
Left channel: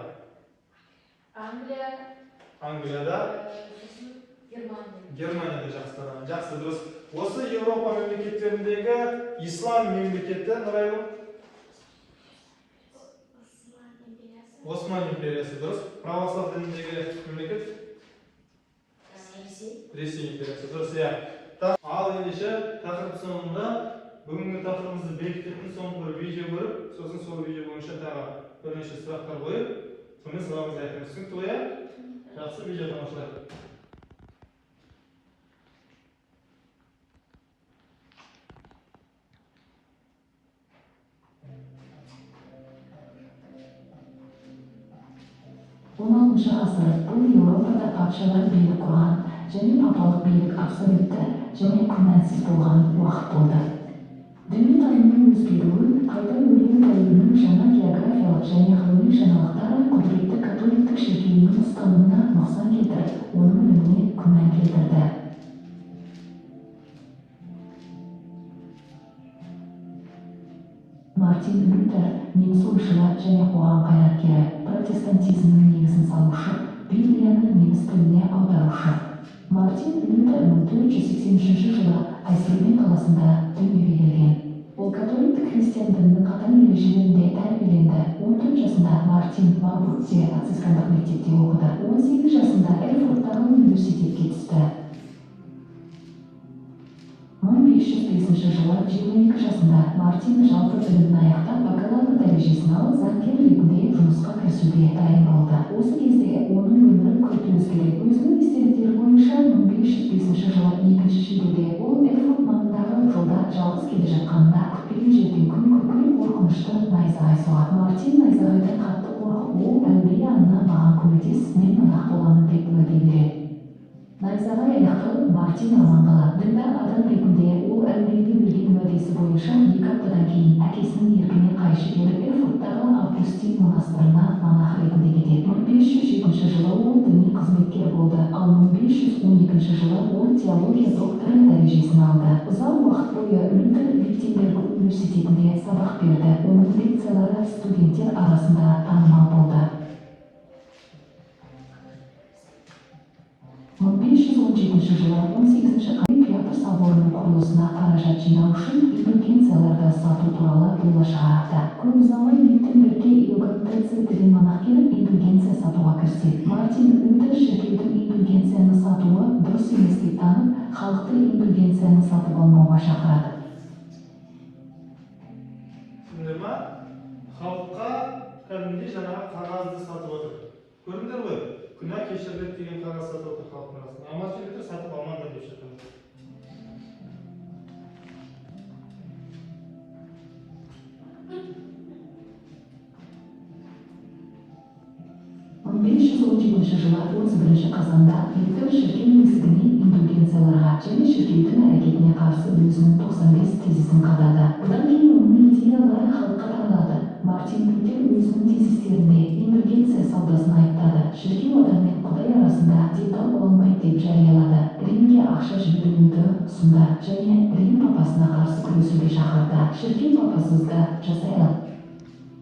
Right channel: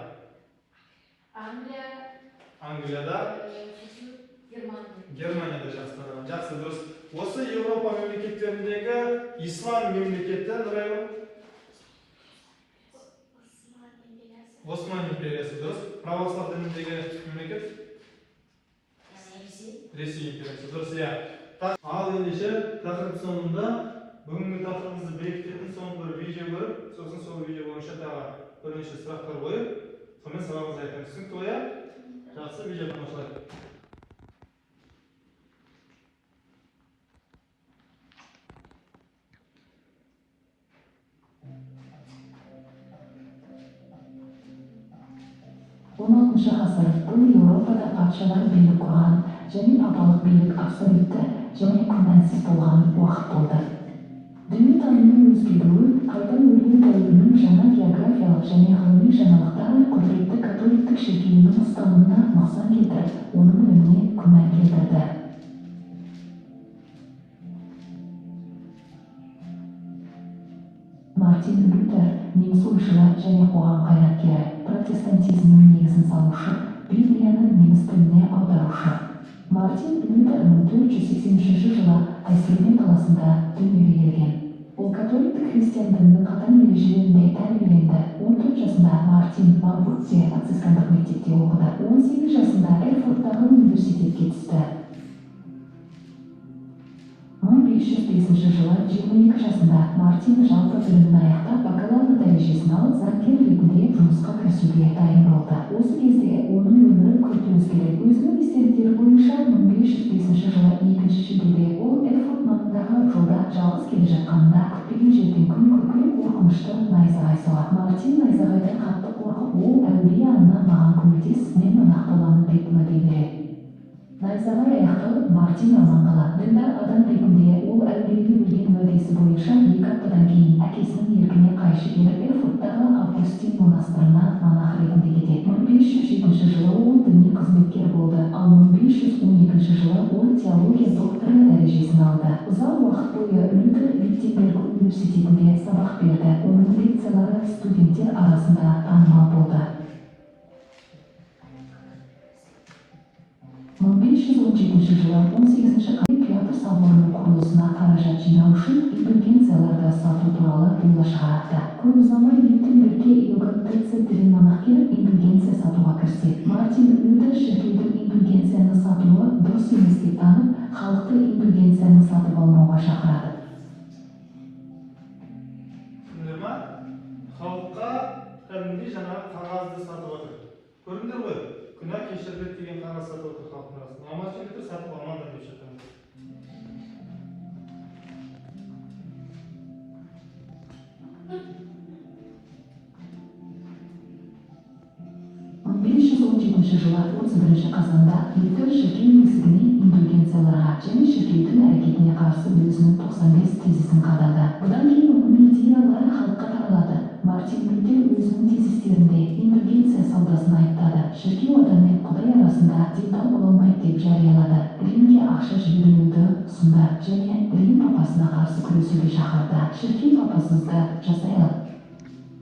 Англияда. Германияда жақсы тараған. Жақсы, дұрыс. Осы Еуропа мемлекеттеріндегі ислам мемлекеті Нұрайлым? Осман империясы, дұрыс. Православ дініндегі мемлекет? Ресей империясы, дұрыс. Ал ендеше тақырып соңында бүгінгі тақырыбымызды бекітетін соңғы бір видео көріп, сосын сол видео бойынша тағы бірнеше сұрақтар қойып, сонымен сабағымызды аяқтаймыз. Түсінікті ғой? Жақсы, видео тамашалайық. ғасыр бұл Еуропада патшалар билік құрған және папалық билік абсолютті және күмәнсіз болған уақыт болды. Дүниетанымның өзгеруі, қайта өрген дәуірінің жаңа географиялық және ғылыми жаңалықтары құдіретті католиктік шіркеуінің ұстанымына нұқсан келтіріп, оның біліміне күмән келтірді. Мартин Лютер неміс ойшылы және қоғам қайраткері, протестантизмнің негізін салушы, Библияны неміс тіліне аударушы. Мартин Лютер 1483 жылы Айсельмен қаласында дүниеге келген. Ол католиктік христиан дінінің қатаң ережелерінде тәрбиеленді. 14 жасында Мартин Марбургте францискандық мектепте оқыды. 18 жасында Эрфурттағы университетке түсті. 1505 жылы 22 жасында Мартин жалпы білімін аяқтап, бакалавр дәрежесін алып, заңгер ретінде жұмысқа кірісуге дайын болды. Осы кезде оның өмірі күрт өзгерді. Өзінің естеліктері бойынша 1505 жылы 2 шілдеде ол Эрфурт маңындағы жолда жалғыз келе жатқанында күтпеген жерден күн күркіреп қорқынышты найзағай соғады. Мартин найзағайдан қатты қорқып, ол әулие Анна маған көмектес, мен монах боламын деп уәде береді. Найзағай аяқталып, Мартин аман қалады. Діндар адам ретінде ол әулиеге берген уәдесі бойынша 2 аптадан кейін әкесінің еркіне қайшы келіп Эрфурттағы Августин монастырына монах ретінде кетеді. 1507 жылы ол діни қызметкер болды, ал 1512 жылы ол теология докторы дәрежесін алды. Ұзақ уақыт бойы Лютер Виттенберг университетінде сабақ берді. Оның лекциялары студенттер арасында танымал болды. 1517 жылы 18-ші салонының құрылысына қаражат жинау үшін индульгенцияларды сату туралы бұйрық шығарды. Көп ұзамай Лютер Иоганн Тецель Телеманах келіп индульгенция сатуға кірісті. Мартин Лютер шіркеудің индульгенцияны сатуы дұрыс емес деп танып, халықты индульгенцияны сатып алмауға шақырады. Түсіндіңдер ма? Халыққа кәдімгідей жаңағы қағазды сатып отыр. Көрдіңдер ғой? Күнә кешіріледі деген қағаз сатып отыр халықтың арасында. А Мартин Лютер сатып алмаңдар деп шақырады. 1517 жылы 31 қазанда Лютер шіркеу есігіне индульгенцияларға және шіркеудің әрекетіне қарсы өзінің 95 тезисін қабылдады. Бұдан кейін оның идеялары халыққа таралады. Мартин Лютер өзінің тезистерінде индульгенция саудасын айыптады. Шіркеу адам мен Құдай арасында детал бола алмайды деп жариялады. Римге ақша жібермеуді ұсынды және Рим папасына қарсы күресуге шақырды. Шіркеу папасызды жасай алды.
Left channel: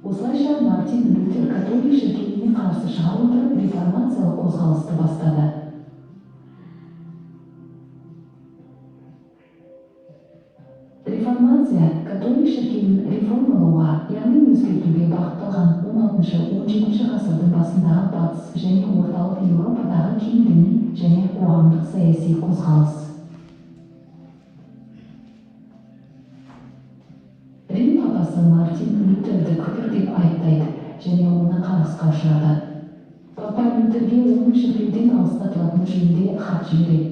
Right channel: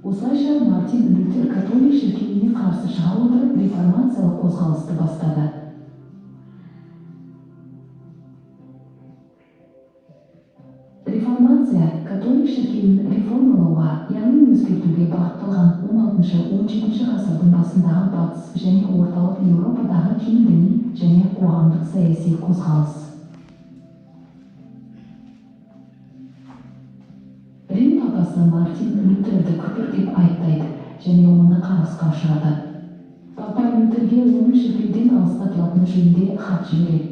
Осылайша Мартин Лютер католик шіркеуіне қарсы шыға отырып реформациялық қозғалысты бастады. Реформация католик шіркеуін реформалауға, яғни өзгертуге бағытталған 16-17 ғасырдың басындағы батыс және орталық Еуропадағы кең діни және қоғамдық саяси қозғалыс. Рим папасы Мартин Лютерді күпір деп айыптайды және оны қарғысқа ұшырады. Папа Лютерге оның шіркеуден алыстатылатыны жөнінде хат жібереді.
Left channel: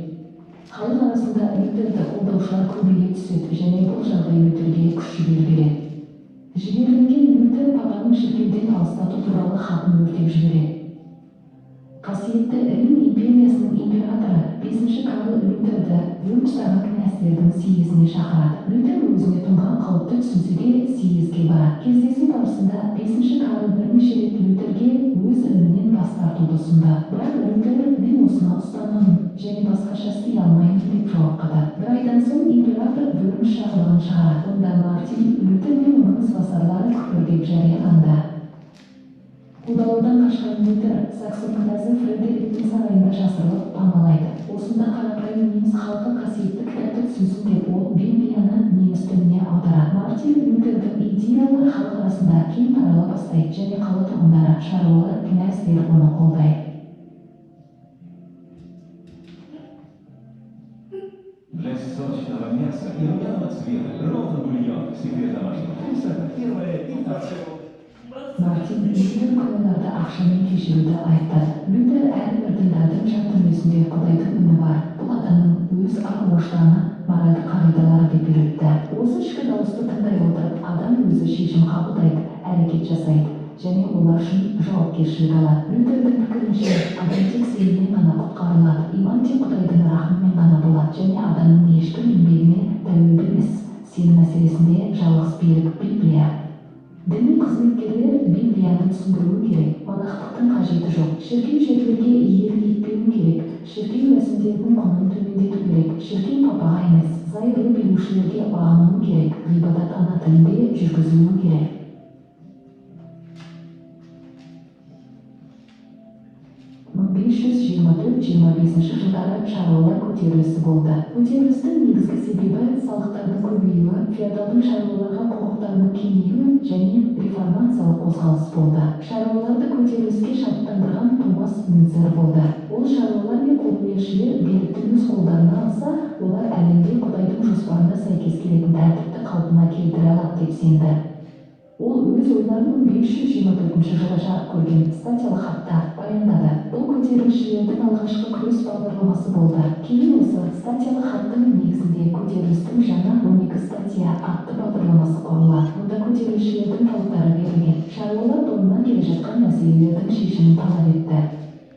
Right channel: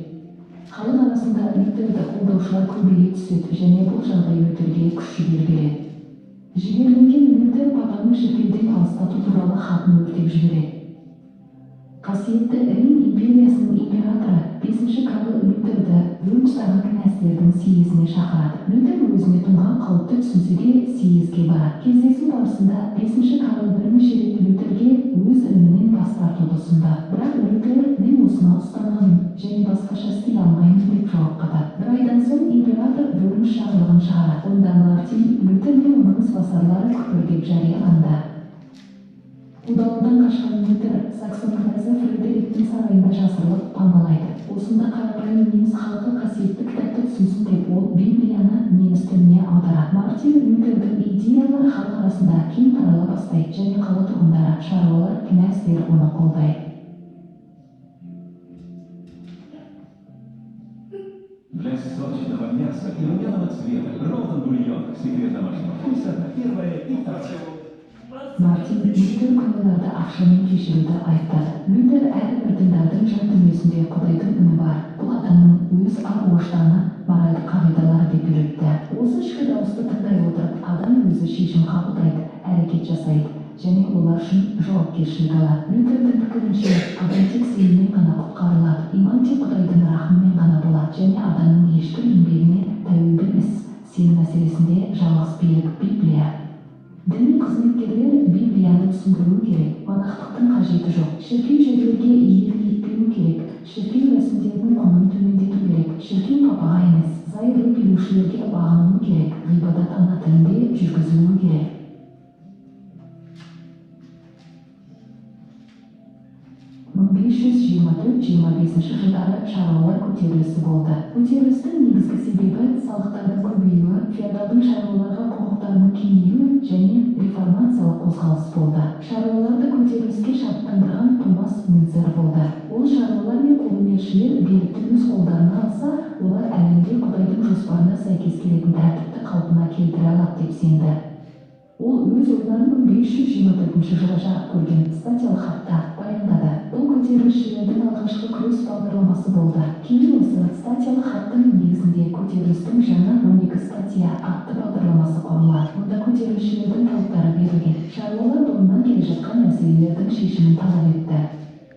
Халық арасында Лютерді қолдаушылар көбейе түседі және бұл жағдай Лютерге күш жігер береді. Жіберілген Лютер папаның шіркеуден алыстату туралы хатын өртеп жібереді. Қасиетті Рим империясының императоры 5-ші Карл Лютерді Вюрмштағы князьдердің съезіне шақырады. Лютер өзіне тұнған қауіпті түсінсе де съезге барады. Кездесу барысында 5-ші Карл бірнеше рет Лютерге өз ілімінен бас тартуды ұсынды. Бірақ Лютер мен осыны ұстанамын және басқаша істей алмаймын деп жауап қатады. Бір айдан соң император Вюрмш жарлығын шығарады. Онда Мартин Лютер мен оның ізбасарлары күпір деп жарияланды. Қудалаудан қашқан Лютер Саксон князі Фредериктің сарайында жасырылып памалайды. Осында қарапайым неміс халқы қасиетті кітапты түсінсін деп ол Библияны неміс тіліне аударады. Мартин Лютердің идеялары халық арасында кең тарала бастайды және қала тұрғындары, шаруалар, князьдер оны қолдайды. Для сочного мяса и румяного цвета розовый бульон секрет домашнего вкуса первое и второе. Мартин Лютер күнәларды ақшамен кешіруді айыптады. Лютер әрбір діндардың жан дүниесінде Құдайдың үні бар. Бұл адамның өз ар-ожданы, моральдық қағидалары деп үйретті. Осы ішкі дауысты тыңдай отырып, адам өзі шешім қабылдайды, әрекет жасайды және олар үшін жауапкершілік алады. Лютердің пікірінше, адам тек сеніммен ғана құтқарылады. Иман тек Құдайдың рахымымен ғана болады және адамның ешбір еңбегіне тәуелді емес. Сенім мәселесінде жалғыз берік Библия. Діни қызметкерлер Библияны түсіндіру керек. Монахтықтың қажеті жоқ. Шіркеу жерлерге иелік етпеу керек. Шіркеу рәсімдерінің құнын төмендету керек. Шіркеу папаға емес, зайырлы билеушілерге бағынуы керек. Ғибадат ана тілінде жүргізілуі керек. 1524-25 жылдары шаруалар көтерілісі болды. Көтерілістің негізгі себебі салықтардың көбеюі, феодалдың шаруаларға құқықтарының кеңеюі және реформациялық қозғалыс болды. Шаруаларды көтеріліске шабыттандырған Томас Мюнцер болды. Ол шаруалар мен қолөнершілер билікті өз қолдарына алса, олар әлемде Құдайдың жоспарына сәйкес келетін тәртіпті қалпына келтіре алады деп сенді. Ол өз ойларын 1524 жылы жарық көрген статиялық хатта баяндады. Бұл көтерілісшілердің алғашқы күрес бағдарламасы болды. Кейін осы статиялық хаттың негізінде көтерілістің жаңа 12 статья атты бағдарламасы құрылады. Мұнда көтерілісшілердің талаптары берілген. Шаруалар бұрыннан келе жатқан мәселелердің шешімін талап етті.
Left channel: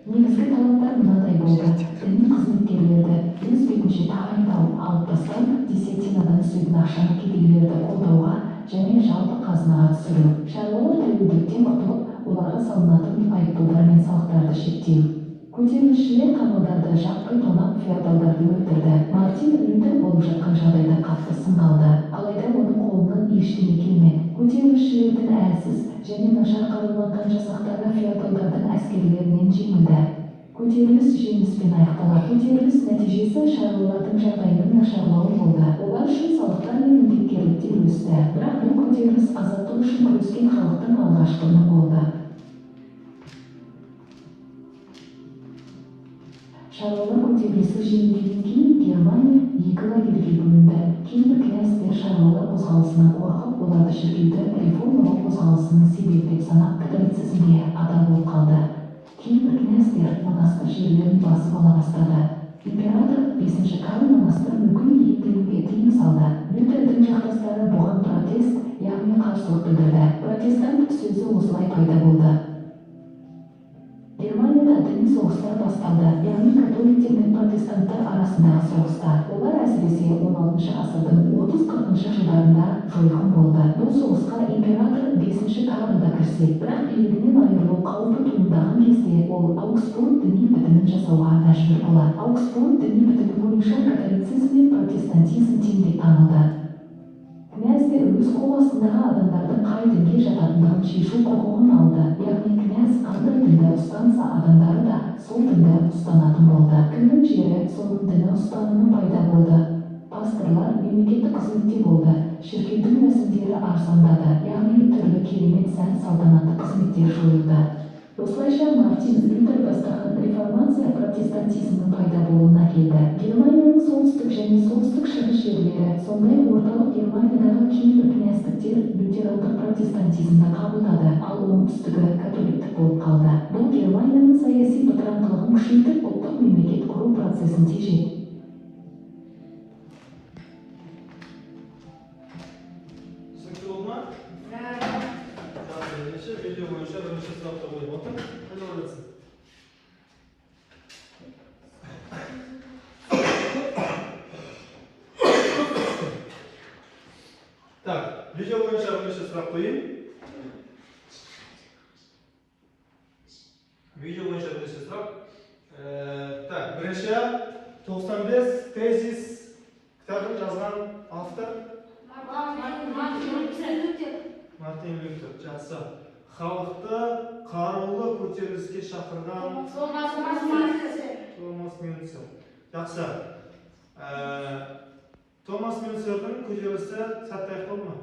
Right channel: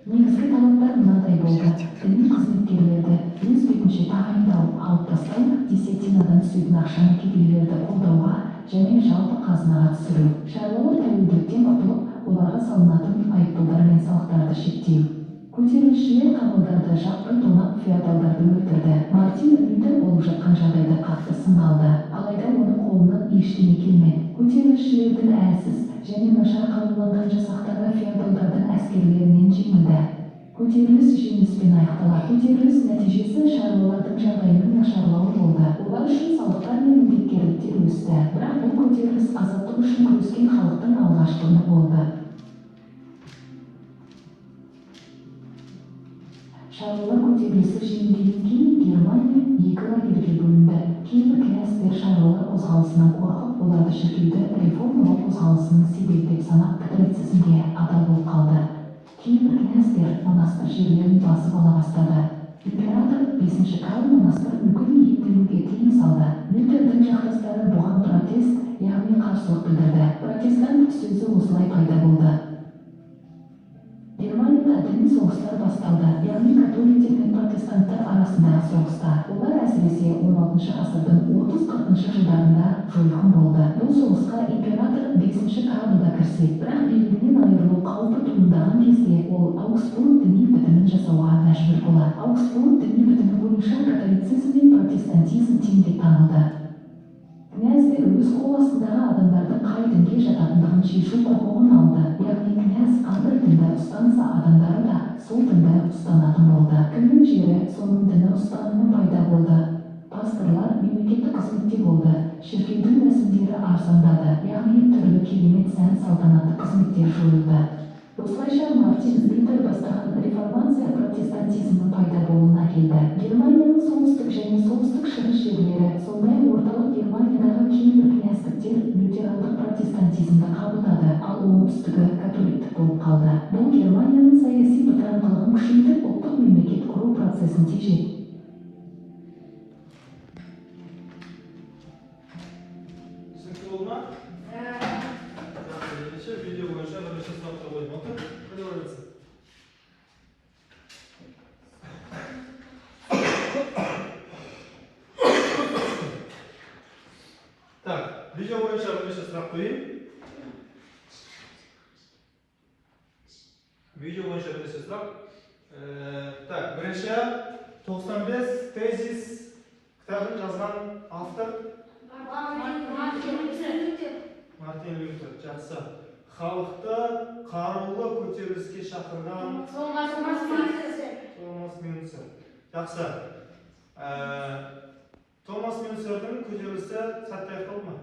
Негізгі талаптар мынадай болды: діни қызметкерлерді өз бетінше тағайындау, алып тастау, десятинадан түсетін ақшаны кедейлерді қолдауға және жалпы қазынаға түсіру. Шаруалар тәуелділіктен құтылып, оларға салынатын айыппұлдар мен салықтарды шектеу. Көтерілісшілер қамалдарды жаппай тонап, феодалдарды өлтірді. Мартин Лютер болып жатқан жағдайда қатты сындалды. Алайда оның қолынан ештеңе келмеді. Көтерілісшілердің әлсіз және нашар қаруланған жасақтары феодалдардың әскерлерінен жеңілді. Көтеріліс жеңіспен аяқталды. Көтеріліс нәтижесі шаруалардың жағдайының нашарлауы болды. Олар үшін салықтар мен міндеттемелер өсті. Бірақ бұл көтеріліс азаттық үшін күрескен халықтың алғашқы үні болды. Шаруалар көтерілісі жеңілгеннен кейін Германия екі лагерьге бөлінді. Кейбір князьдер шаруалар қозғалысынан қорқып, оларды шіркеуді реформалау қозғалысының себеп деп санап католицизмге ада болып қалды. Кейбір князьдер монастыр жерлерін басып ала бастады. Император 5 Карл монастыр мүлкін иелендіруге тыйым салды. Лютердің жақтастары бұған протест, яғни қарсылық білдірді. Протестант сөзі осылай пайда болды. Германияда діни соғыстар басталды, яғни католиктер мен протестанттар арасындағы соғыстар. Олар әсіресе 16 ғасырдың 30-40 жылдарында жойқын болды. Бұл соғысқа император 5 Карл да кірсе, бірақ билігінен айырылу қаупі туындаған кезде ол Аугсбург діни бітімін жасауға мәжбүр болады. Аугсбург діни бітімі бойынша католицизм мен протестантизм тең деп танылды. Князьдер өз қол астындағы адамдардың қай дінге жататындығын шешу құқығын алды. Яғни князь қандай дінді ұстанса, адамдары да сол дінді ұстанатын болды. Кімнің жері соның діні ұстанымы пайда болды. Пасторлар мемлекеттік қызметте болды. Шіркеудің рәсімдері арзандады, яғни түрлі керемет сән салтанатты қызметтер жойылды. Осылайша Мартин Лютер бастаған реформация протестантизмнің пайда болуына келді. Германияның солтүстік және солтүстік-шығыс жерлері, сондай орталық Германиядағы кейбір князьдіктер лютерандық протестантизмді қабылдады, ал оңтүстігі католиктік болып қалды. Бұл Германияның саяси бытыраңқылығын күшейтіп, ұлттық мемлекет құру процесін тежеді. Түсінікті болды ма? Видео бойынша бірінші сұраққа қойып отыр. Біле ойлайсың. Так, видео бойынша бірінші сұрақ қойайын. Видео бойынша бірінші сұрақ. Так, бірінші 95 тезис кітабын жазған автор Мартин Лютер. Жақсы. Халықты қарулы көтеріліске шақырған Томас Мюнцер. Жақсы. Томас Мюнцердің көтерілісі сәтті аяқталды ма?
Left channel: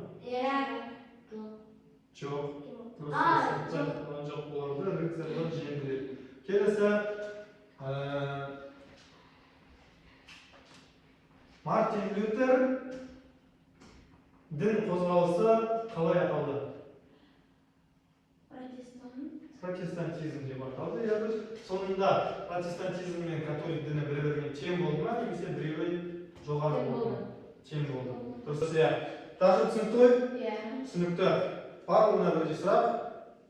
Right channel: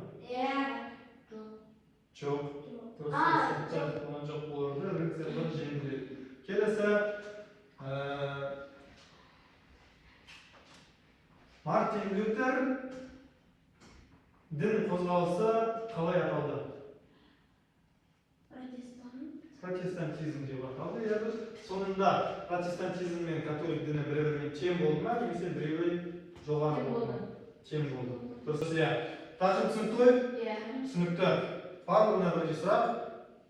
Жоқ. Жоқ болады. Рыцарьлар жеңілдіреді. Келесі. Мартин Лютер дін қозғалысы қалай аталды? Протестантизм деп аталды. Сонында протестантизм мен католик діні бір-бірімен тең болды ма, немесе біреуі жоғары болды? Тең болды. Дұрыс. Тақырып түсінікті ғой? Түсінікті. Барлығына бірінші сұрақ.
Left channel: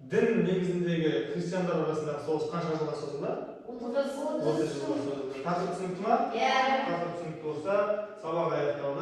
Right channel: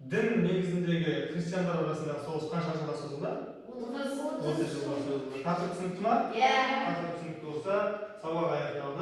Дін негізіндегі христиандар арасындағы соғыс қанша жылға созылды? 30 жылға созылды. Тақырып түсінікті ма? Тақырып түсінікті болса, сабақ аяқталды.